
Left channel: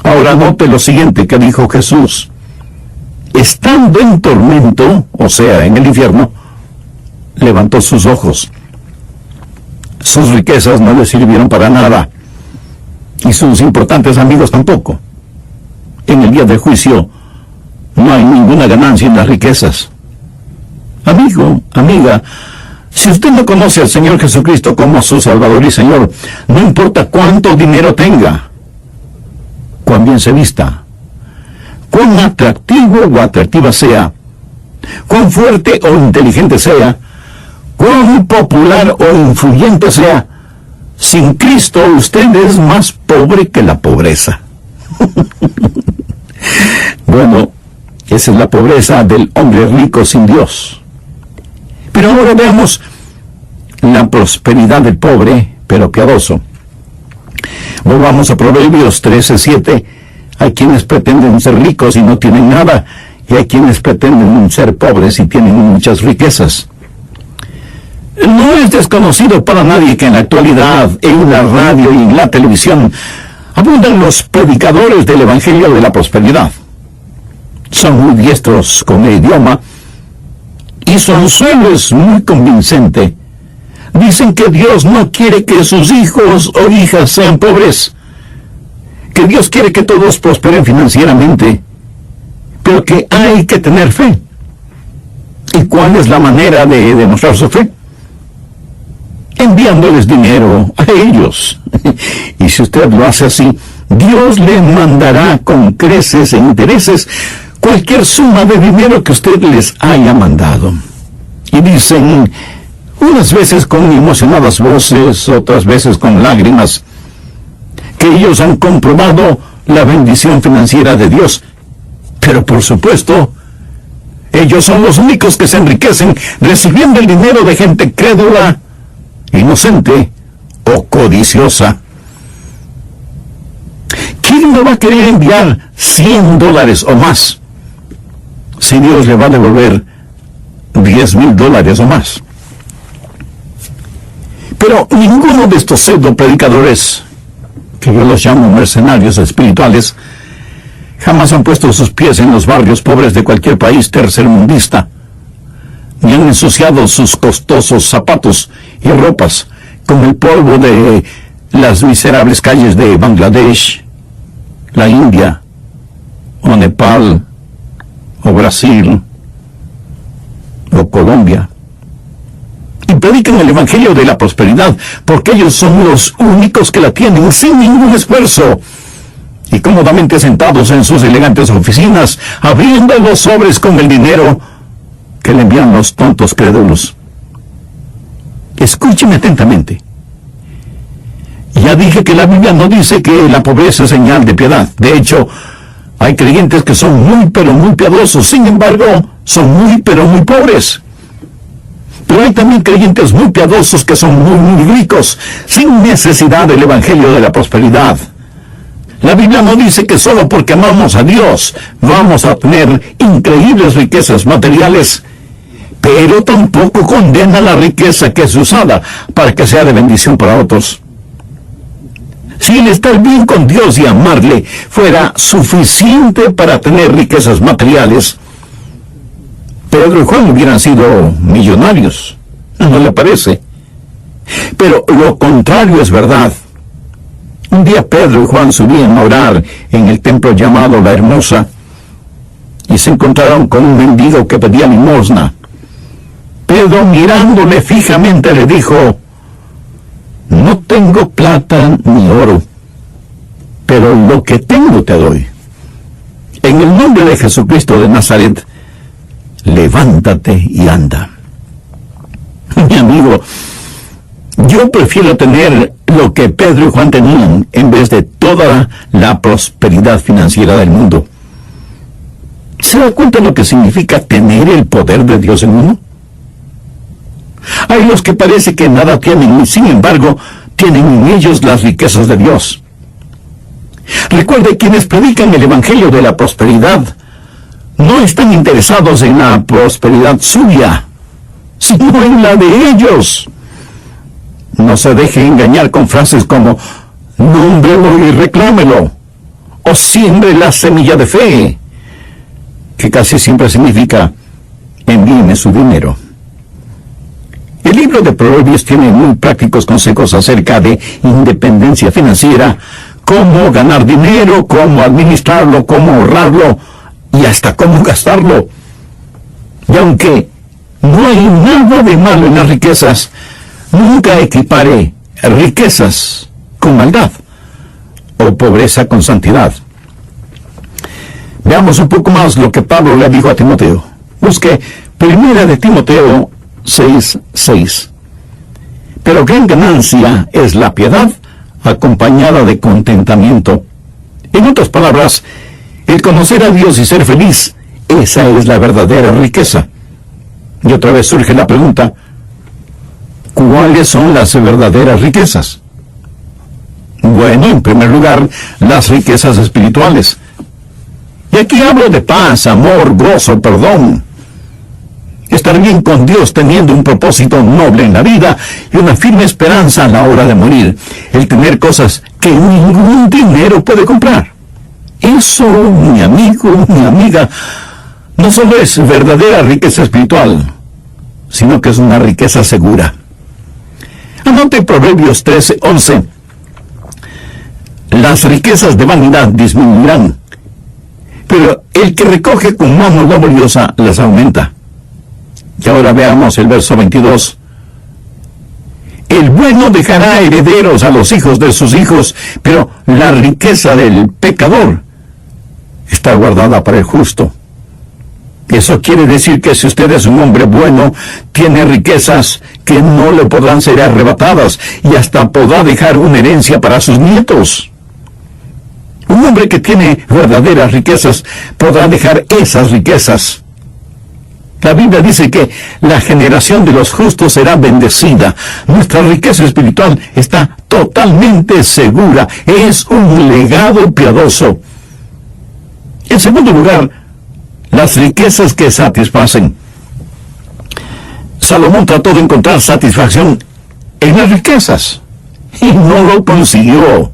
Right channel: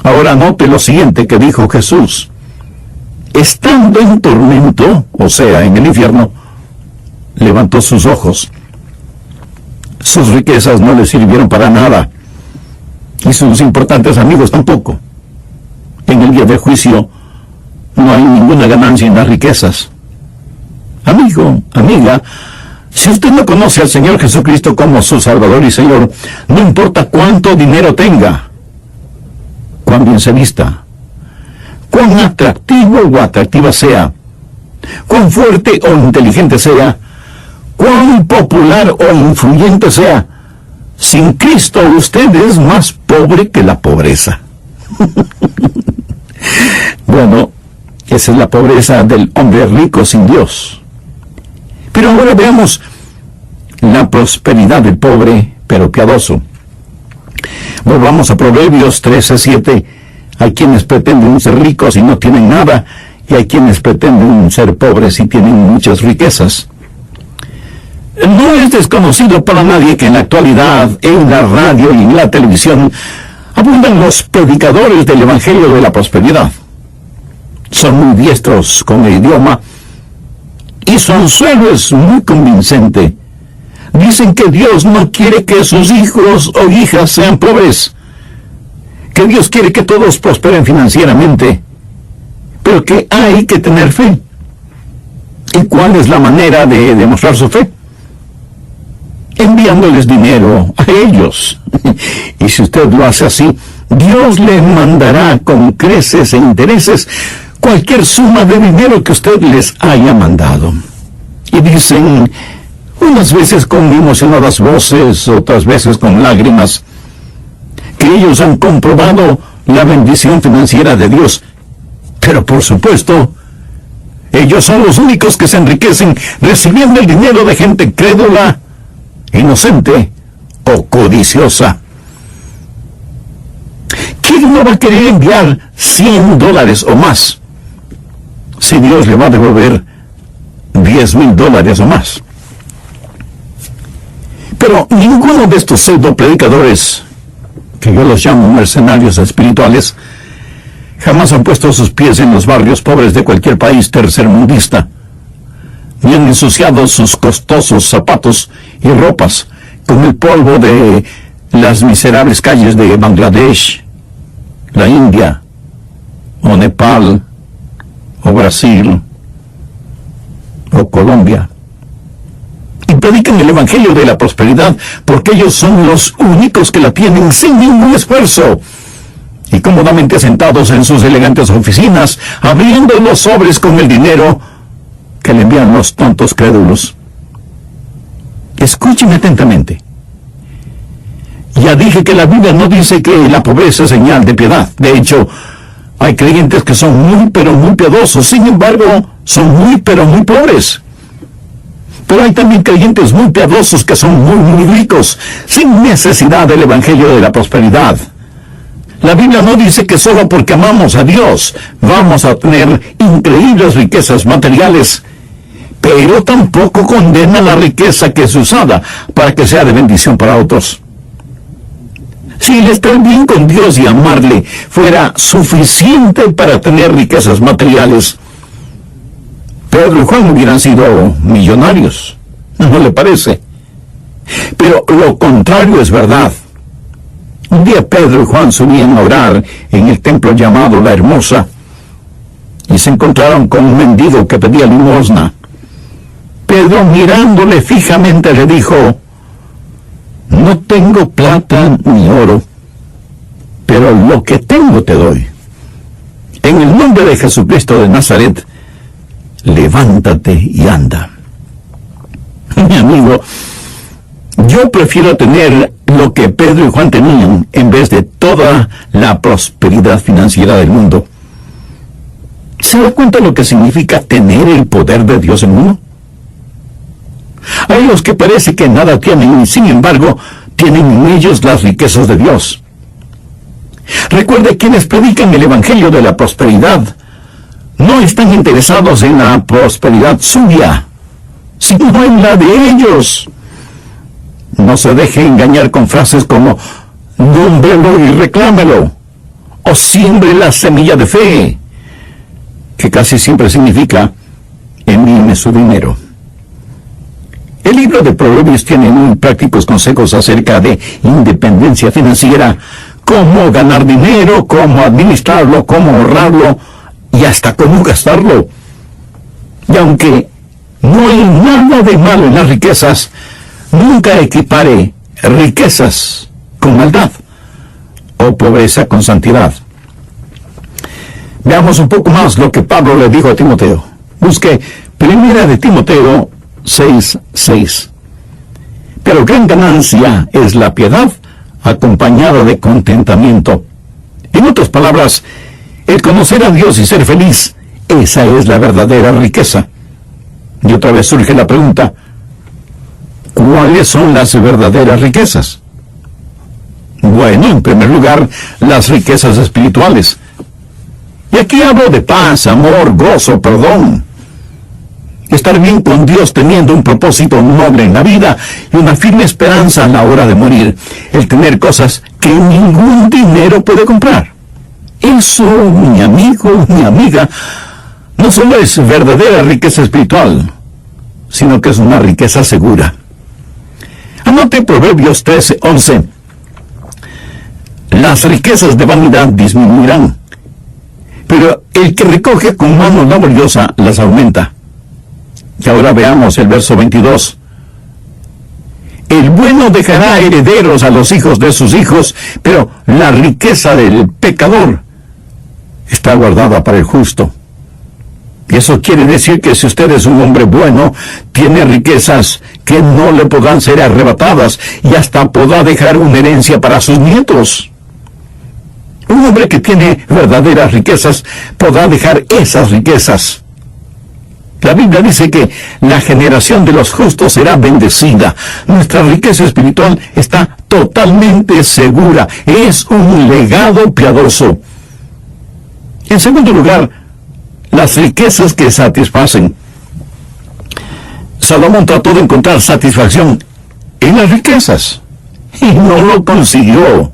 Ahora note lo siguiente que dijo Jesús. Estando en tormento, o sea, en el infierno, levantó sus ojos. Sus riquezas no le sirvieron para nada, y sus importantes amigos tampoco. En el día del juicio no hay ninguna ganancia en las riquezas. Amigo, amiga, si usted no conoce al Señor Jesucristo como su Salvador y Señor, no importa cuánto dinero tenga, cuán bien se vista, cuán atractivo o atractiva sea, cuán fuerte o inteligente sea, cuán popular o influyente sea, sin Cristo usted es más pobre que la pobreza. Bueno, esa es la pobreza del hombre rico sin Dios. Pero ahora veamos la prosperidad del pobre, pero piadoso. Volvamos a Proverbios 13:7. Hay quienes pretenden ser ricos y no tienen nada, y hay quienes pretenden ser pobres y tienen muchas riquezas. No es desconocido para nadie que en la actualidad, en la radio y en la televisión, abundan los predicadores del Evangelio de la Prosperidad. Son muy diestros con el idioma, y su anzuelo es muy convincente. Dicen que Dios no quiere que sus hijos o hijas sean pobres, que Dios quiere que todos prosperen financieramente, pero que hay que tener fe. ¿Y cuál es la manera de demostrar su fe? Enviándoles dinero a ellos. Y si usted lo hace así, Dios le mandará con creces e intereses cualquier suma de dinero que usted les haya mandado. Y dicen, unas veces con emocionadas voces, otras veces con lágrimas, que ellos han comprobado la bendición financiera de Dios. Pero por supuesto, ellos son los únicos que se enriquecen recibiendo el dinero de gente crédula, inocente o codiciosa. ¿Quién no va a querer enviar $100 o más si Dios le va a devolver $10,000 o más? Pero ninguno de estos pseudo predicadores, que yo los llamo mercenarios espirituales, jamás han puesto sus pies en los barrios pobres de cualquier país tercermundista, ni han ensuciado sus costosos zapatos y ropas con el polvo de las miserables calles de Bangladesh, la India, o Nepal, o Brasil, o Colombia. Y predican el Evangelio de la Prosperidad, porque ellos son los únicos que la tienen sin ningún esfuerzo, y cómodamente sentados en sus elegantes oficinas, abriendo los sobres con el dinero que le envían los tontos crédulos. Escúcheme atentamente. Ya dije que la Biblia no dice que la pobreza es señal de piedad. De hecho, hay creyentes que son muy pero muy piadosos, sin embargo, son muy pero muy pobres. Pero hay también creyentes muy piadosos que son muy ricos, sin necesidad del Evangelio de la Prosperidad. La Biblia no dice que solo porque amamos a Dios vamos a tener increíbles riquezas materiales, pero tampoco condena la riqueza que es usada para que sea de bendición para otros. Si el estar bien con Dios y amarle fuera suficiente para tener riquezas materiales, Pedro y Juan hubieran sido millonarios. ¿No le parece? Pero lo contrario es verdad. Un día Pedro y Juan subían a orar en el templo llamado La Hermosa y se encontraron con un mendigo que pedía limosna. Pedro, mirándole fijamente, le dijo: no tengo plata ni oro, pero lo que tengo te doy. En el nombre de Jesucristo de Nazaret, levántate y anda. Mi amigo, yo prefiero tener lo que Pedro y Juan tenían en vez de toda la prosperidad financiera del mundo. ¿Se da cuenta lo que significa tener el poder de Dios en uno? Hay los que parece que nada tienen y sin embargo tienen en ellos las riquezas de Dios. Recuerde, quienes predican el evangelio de la prosperidad no están interesados en la prosperidad suya, sino en la de ellos. No se deje engañar con frases como nómbrelo y reclámelo, o siembre la semilla de fe, que casi siempre significa envíeme su dinero. El libro de Proverbios tiene muy prácticos consejos acerca de independencia financiera, cómo ganar dinero, cómo administrarlo, cómo ahorrarlo y hasta cómo gastarlo. Y aunque no hay nada de malo en las riquezas, nunca equipare riquezas con maldad o pobreza con santidad. Veamos un poco más lo que Pablo le dijo a Timoteo. Busque Primera de Timoteo 6:6. Pero gran ganancia es la piedad acompañada de contentamiento. En otras palabras, el conocer a Dios y ser feliz, esa es la verdadera riqueza. Y otra vez surge la pregunta: ¿cuáles son las verdaderas riquezas? Bueno, en primer lugar, las riquezas espirituales. Y aquí hablo de paz, amor, gozo, perdón. Estar bien con Dios teniendo un propósito noble en la vida y una firme esperanza a la hora de morir. El tener cosas que ningún dinero puede comprar. Eso, mi amigo, mi amiga, no solo es verdadera riqueza espiritual, sino que es una riqueza segura. Anote Proverbios 13:11. Las riquezas de vanidad disminuirán, pero el que recoge con mano laboriosa las aumenta. Y ahora veamos el verso 22. El bueno dejará herederos a los hijos de sus hijos, pero la riqueza del pecador está guardada para el justo. Eso quiere decir que si usted es un hombre bueno, tiene riquezas que no le podrán ser arrebatadas y hasta podrá dejar una herencia para sus nietos. Un hombre que tiene verdaderas riquezas podrá dejar esas riquezas. La Biblia dice que la generación de los justos será bendecida. Nuestra riqueza espiritual está totalmente segura. Es un legado piadoso. En segundo lugar, las riquezas que satisfacen. Salomón trató de encontrar satisfacción en las riquezas y no lo consiguió.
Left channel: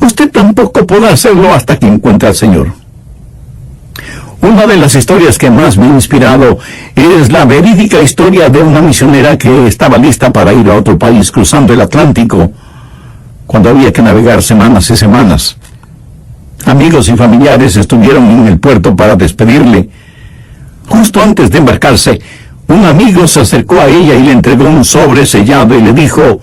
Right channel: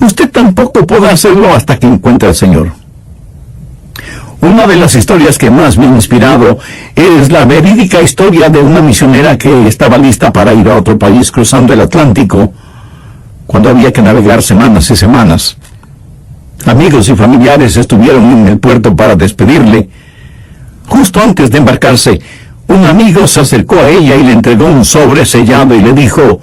Usted tampoco podrá hacerlo hasta que encuentre al Señor. Una de las historias que más me ha inspirado es la verídica historia de una misionera que estaba lista para ir a otro país cruzando el Atlántico cuando había que navegar semanas y semanas. Amigos y familiares estuvieron en el puerto para despedirle. Justo antes de embarcarse, un amigo se acercó a ella y le entregó un sobre sellado y le dijo:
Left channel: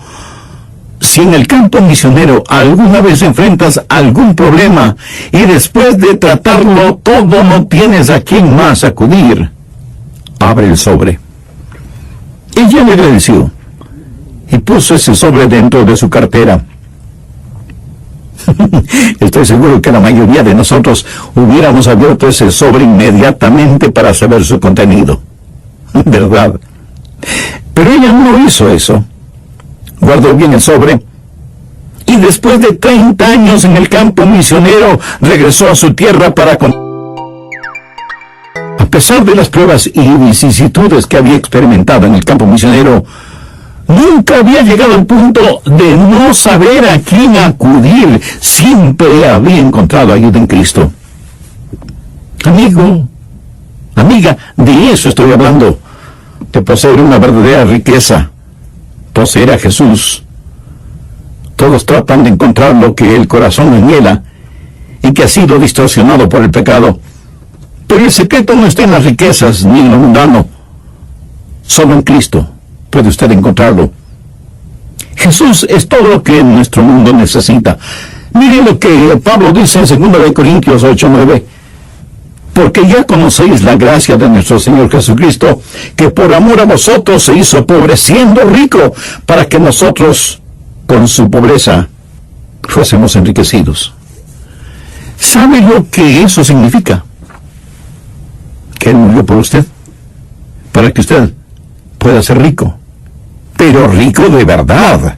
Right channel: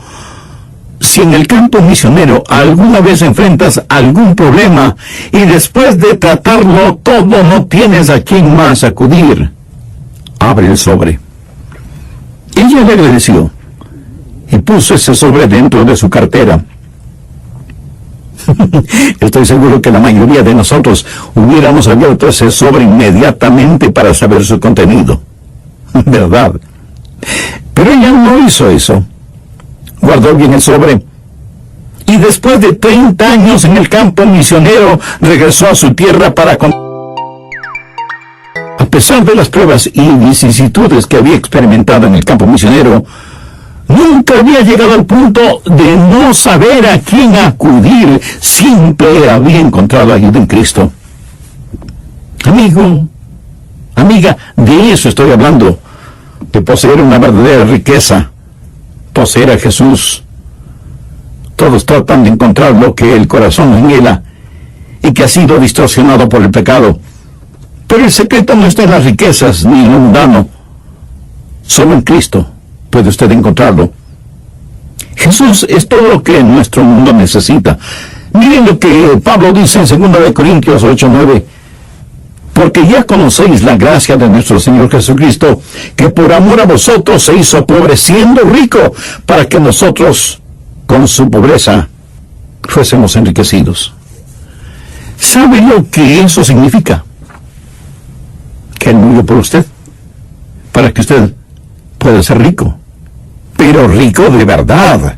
si en el campo misionero alguna vez enfrentas algún problema y después de tratarlo todo no tienes a quién más acudir, abre el sobre. Ella le agradeció y puso ese sobre dentro de su cartera. Estoy seguro que la mayoría de nosotros hubiéramos abierto ese sobre inmediatamente para saber su contenido, ¿verdad? Pero ella no hizo eso. Guardó bien el sobre y después de 30 años en el campo misionero regresó a su tierra para a pesar de las pruebas y vicisitudes que había experimentado en el campo misionero, nunca había llegado al punto de no saber a quién acudir. Siempre había encontrado ayuda en Cristo. Amigo, amiga, de eso estoy hablando. de poseer una verdadera riqueza, poseer a Jesús. Todos tratan de encontrar lo que el corazón anhela y que ha sido distorsionado por el pecado. Pero el secreto no está en las riquezas ni en lo mundano. Solo en Cristo puede usted encontrarlo. Jesús es todo lo que nuestro mundo necesita. Miren lo que Pablo dice en 2 Corintios 8:9. Porque ya conocéis la gracia de nuestro Señor Jesucristo, que por amor a vosotros se hizo pobre, siendo rico, para que nosotros, con su pobreza, fuésemos enriquecidos. ¿Sabe lo que eso significa? Que Él murió por usted, para que usted pueda ser rico. Pero rico de verdad,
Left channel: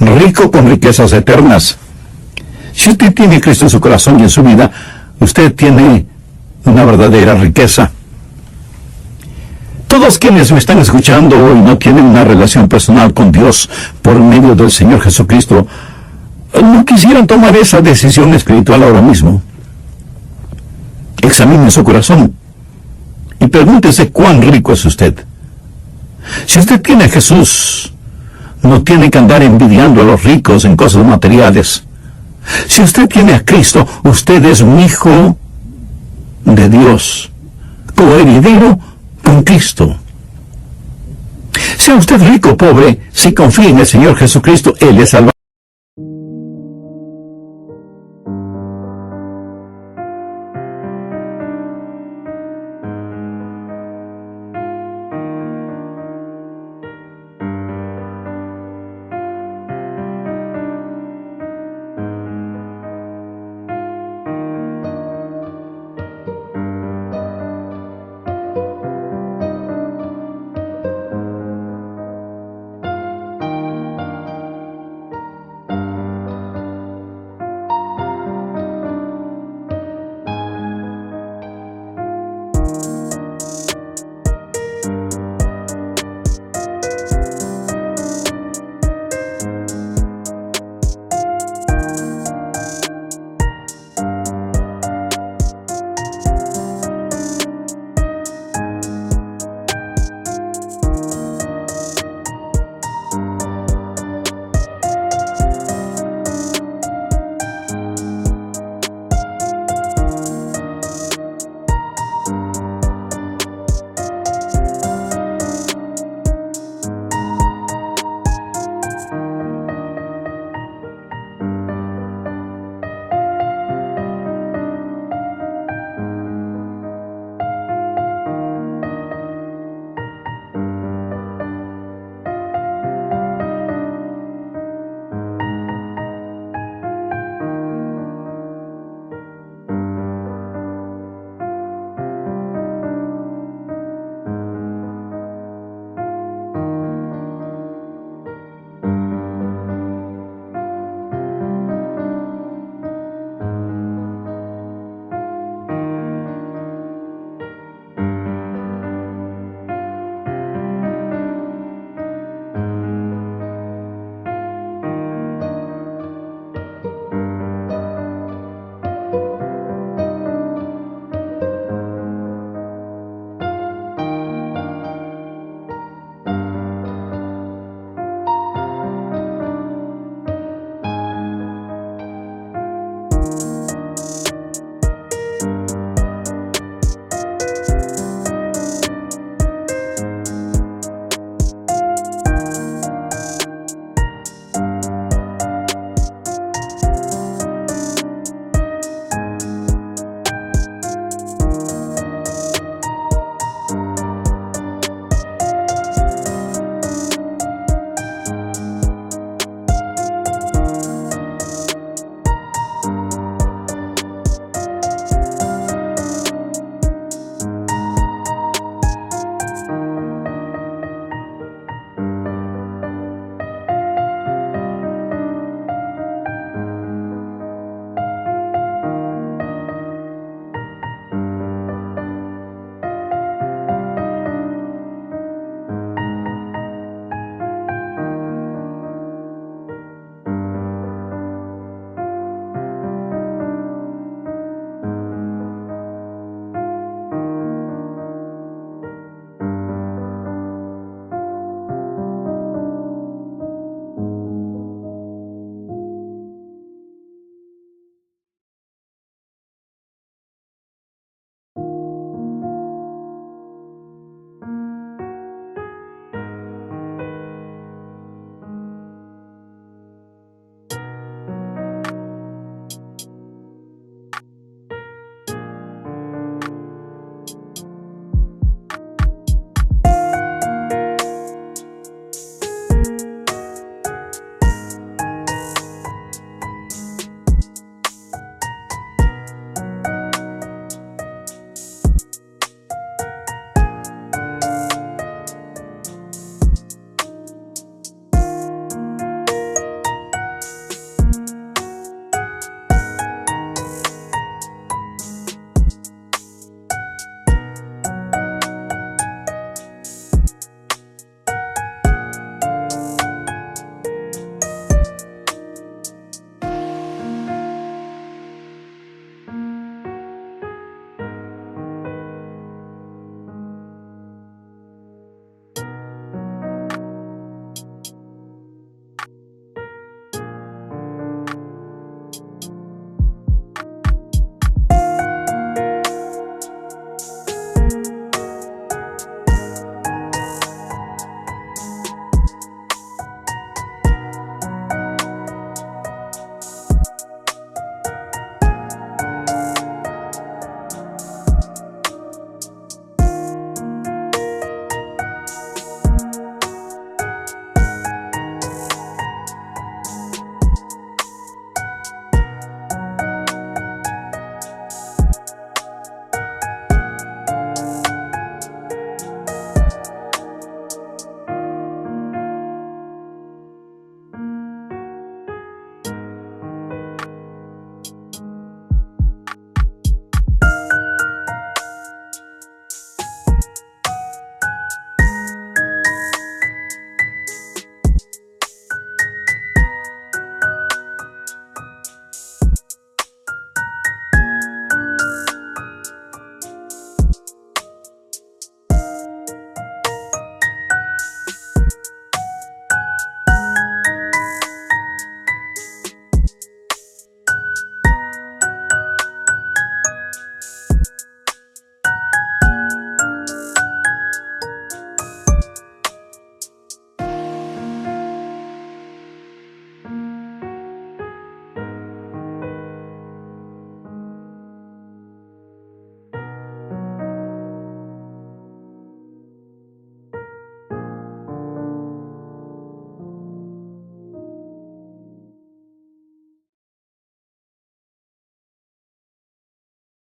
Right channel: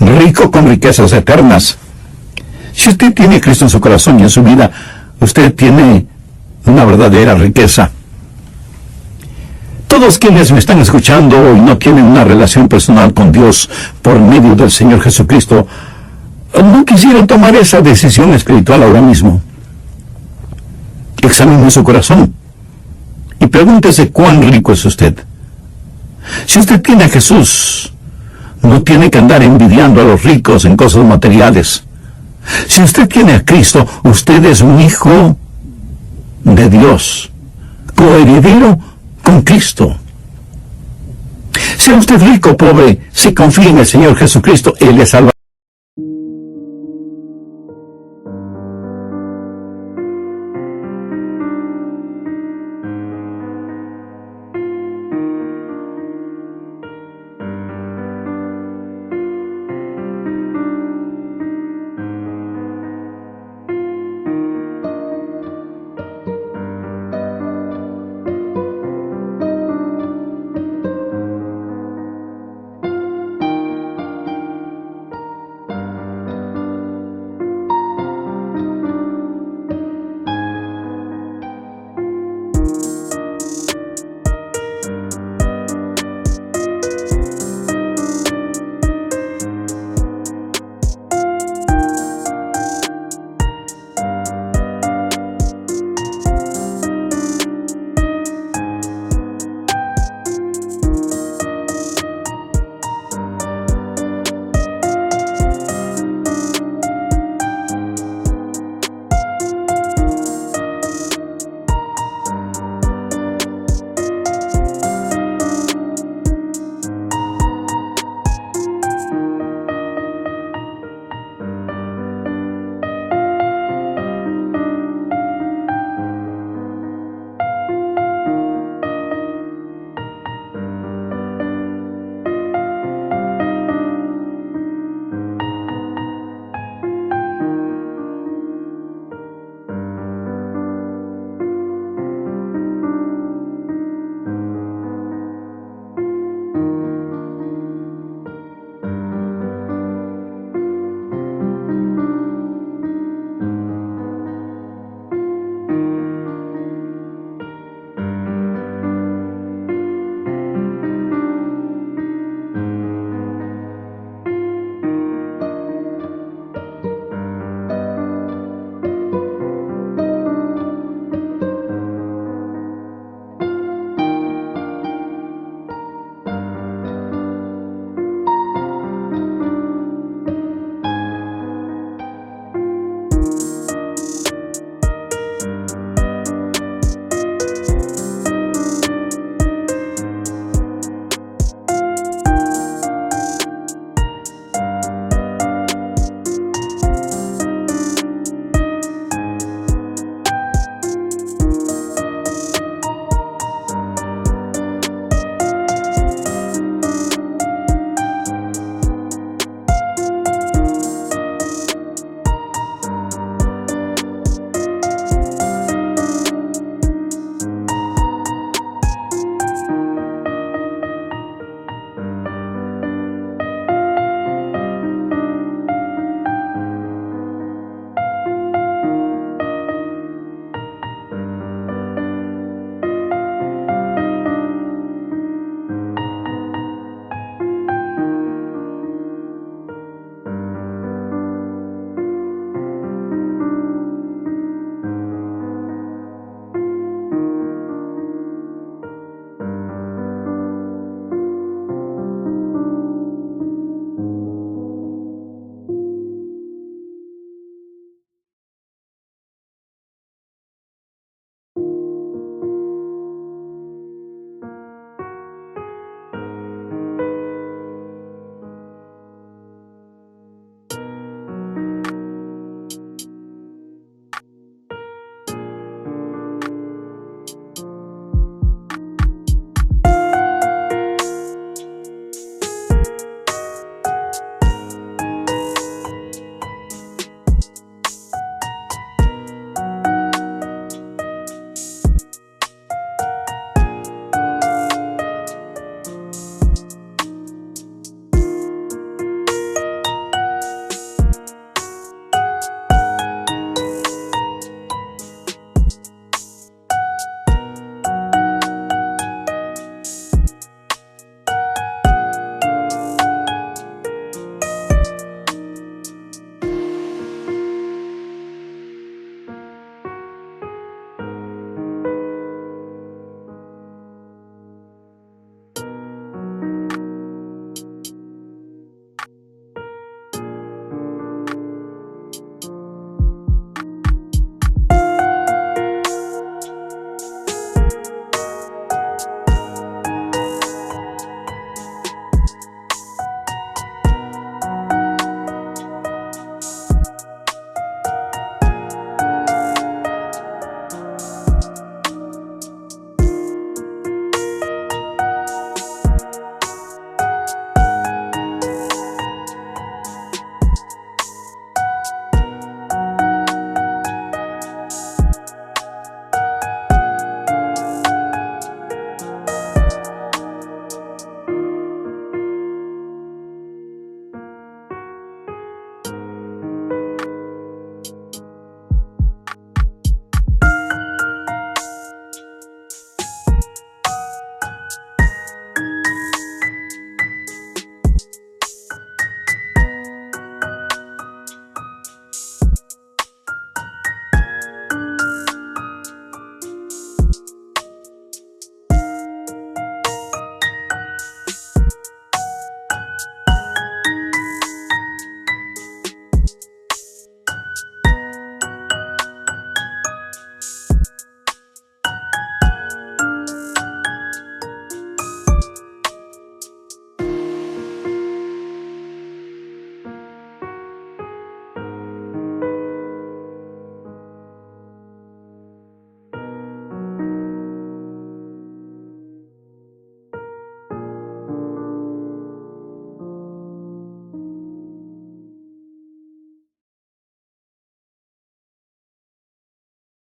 rico con riquezas eternas. Si usted tiene a Cristo en su corazón y en su vida, usted tiene una verdadera riqueza. Todos quienes me están escuchando hoy no tienen una relación personal con Dios por medio del Señor Jesucristo, no quisieran tomar esa decisión espiritual ahora mismo. Examine su corazón y pregúntese cuán rico es usted. Si usted tiene a Jesús, no tiene que andar envidiando a los ricos en cosas materiales. Si usted tiene a Cristo, usted es un hijo de Dios, coheredero con Cristo. Sea usted rico o pobre, si confía en el Señor Jesucristo, Él le salvará.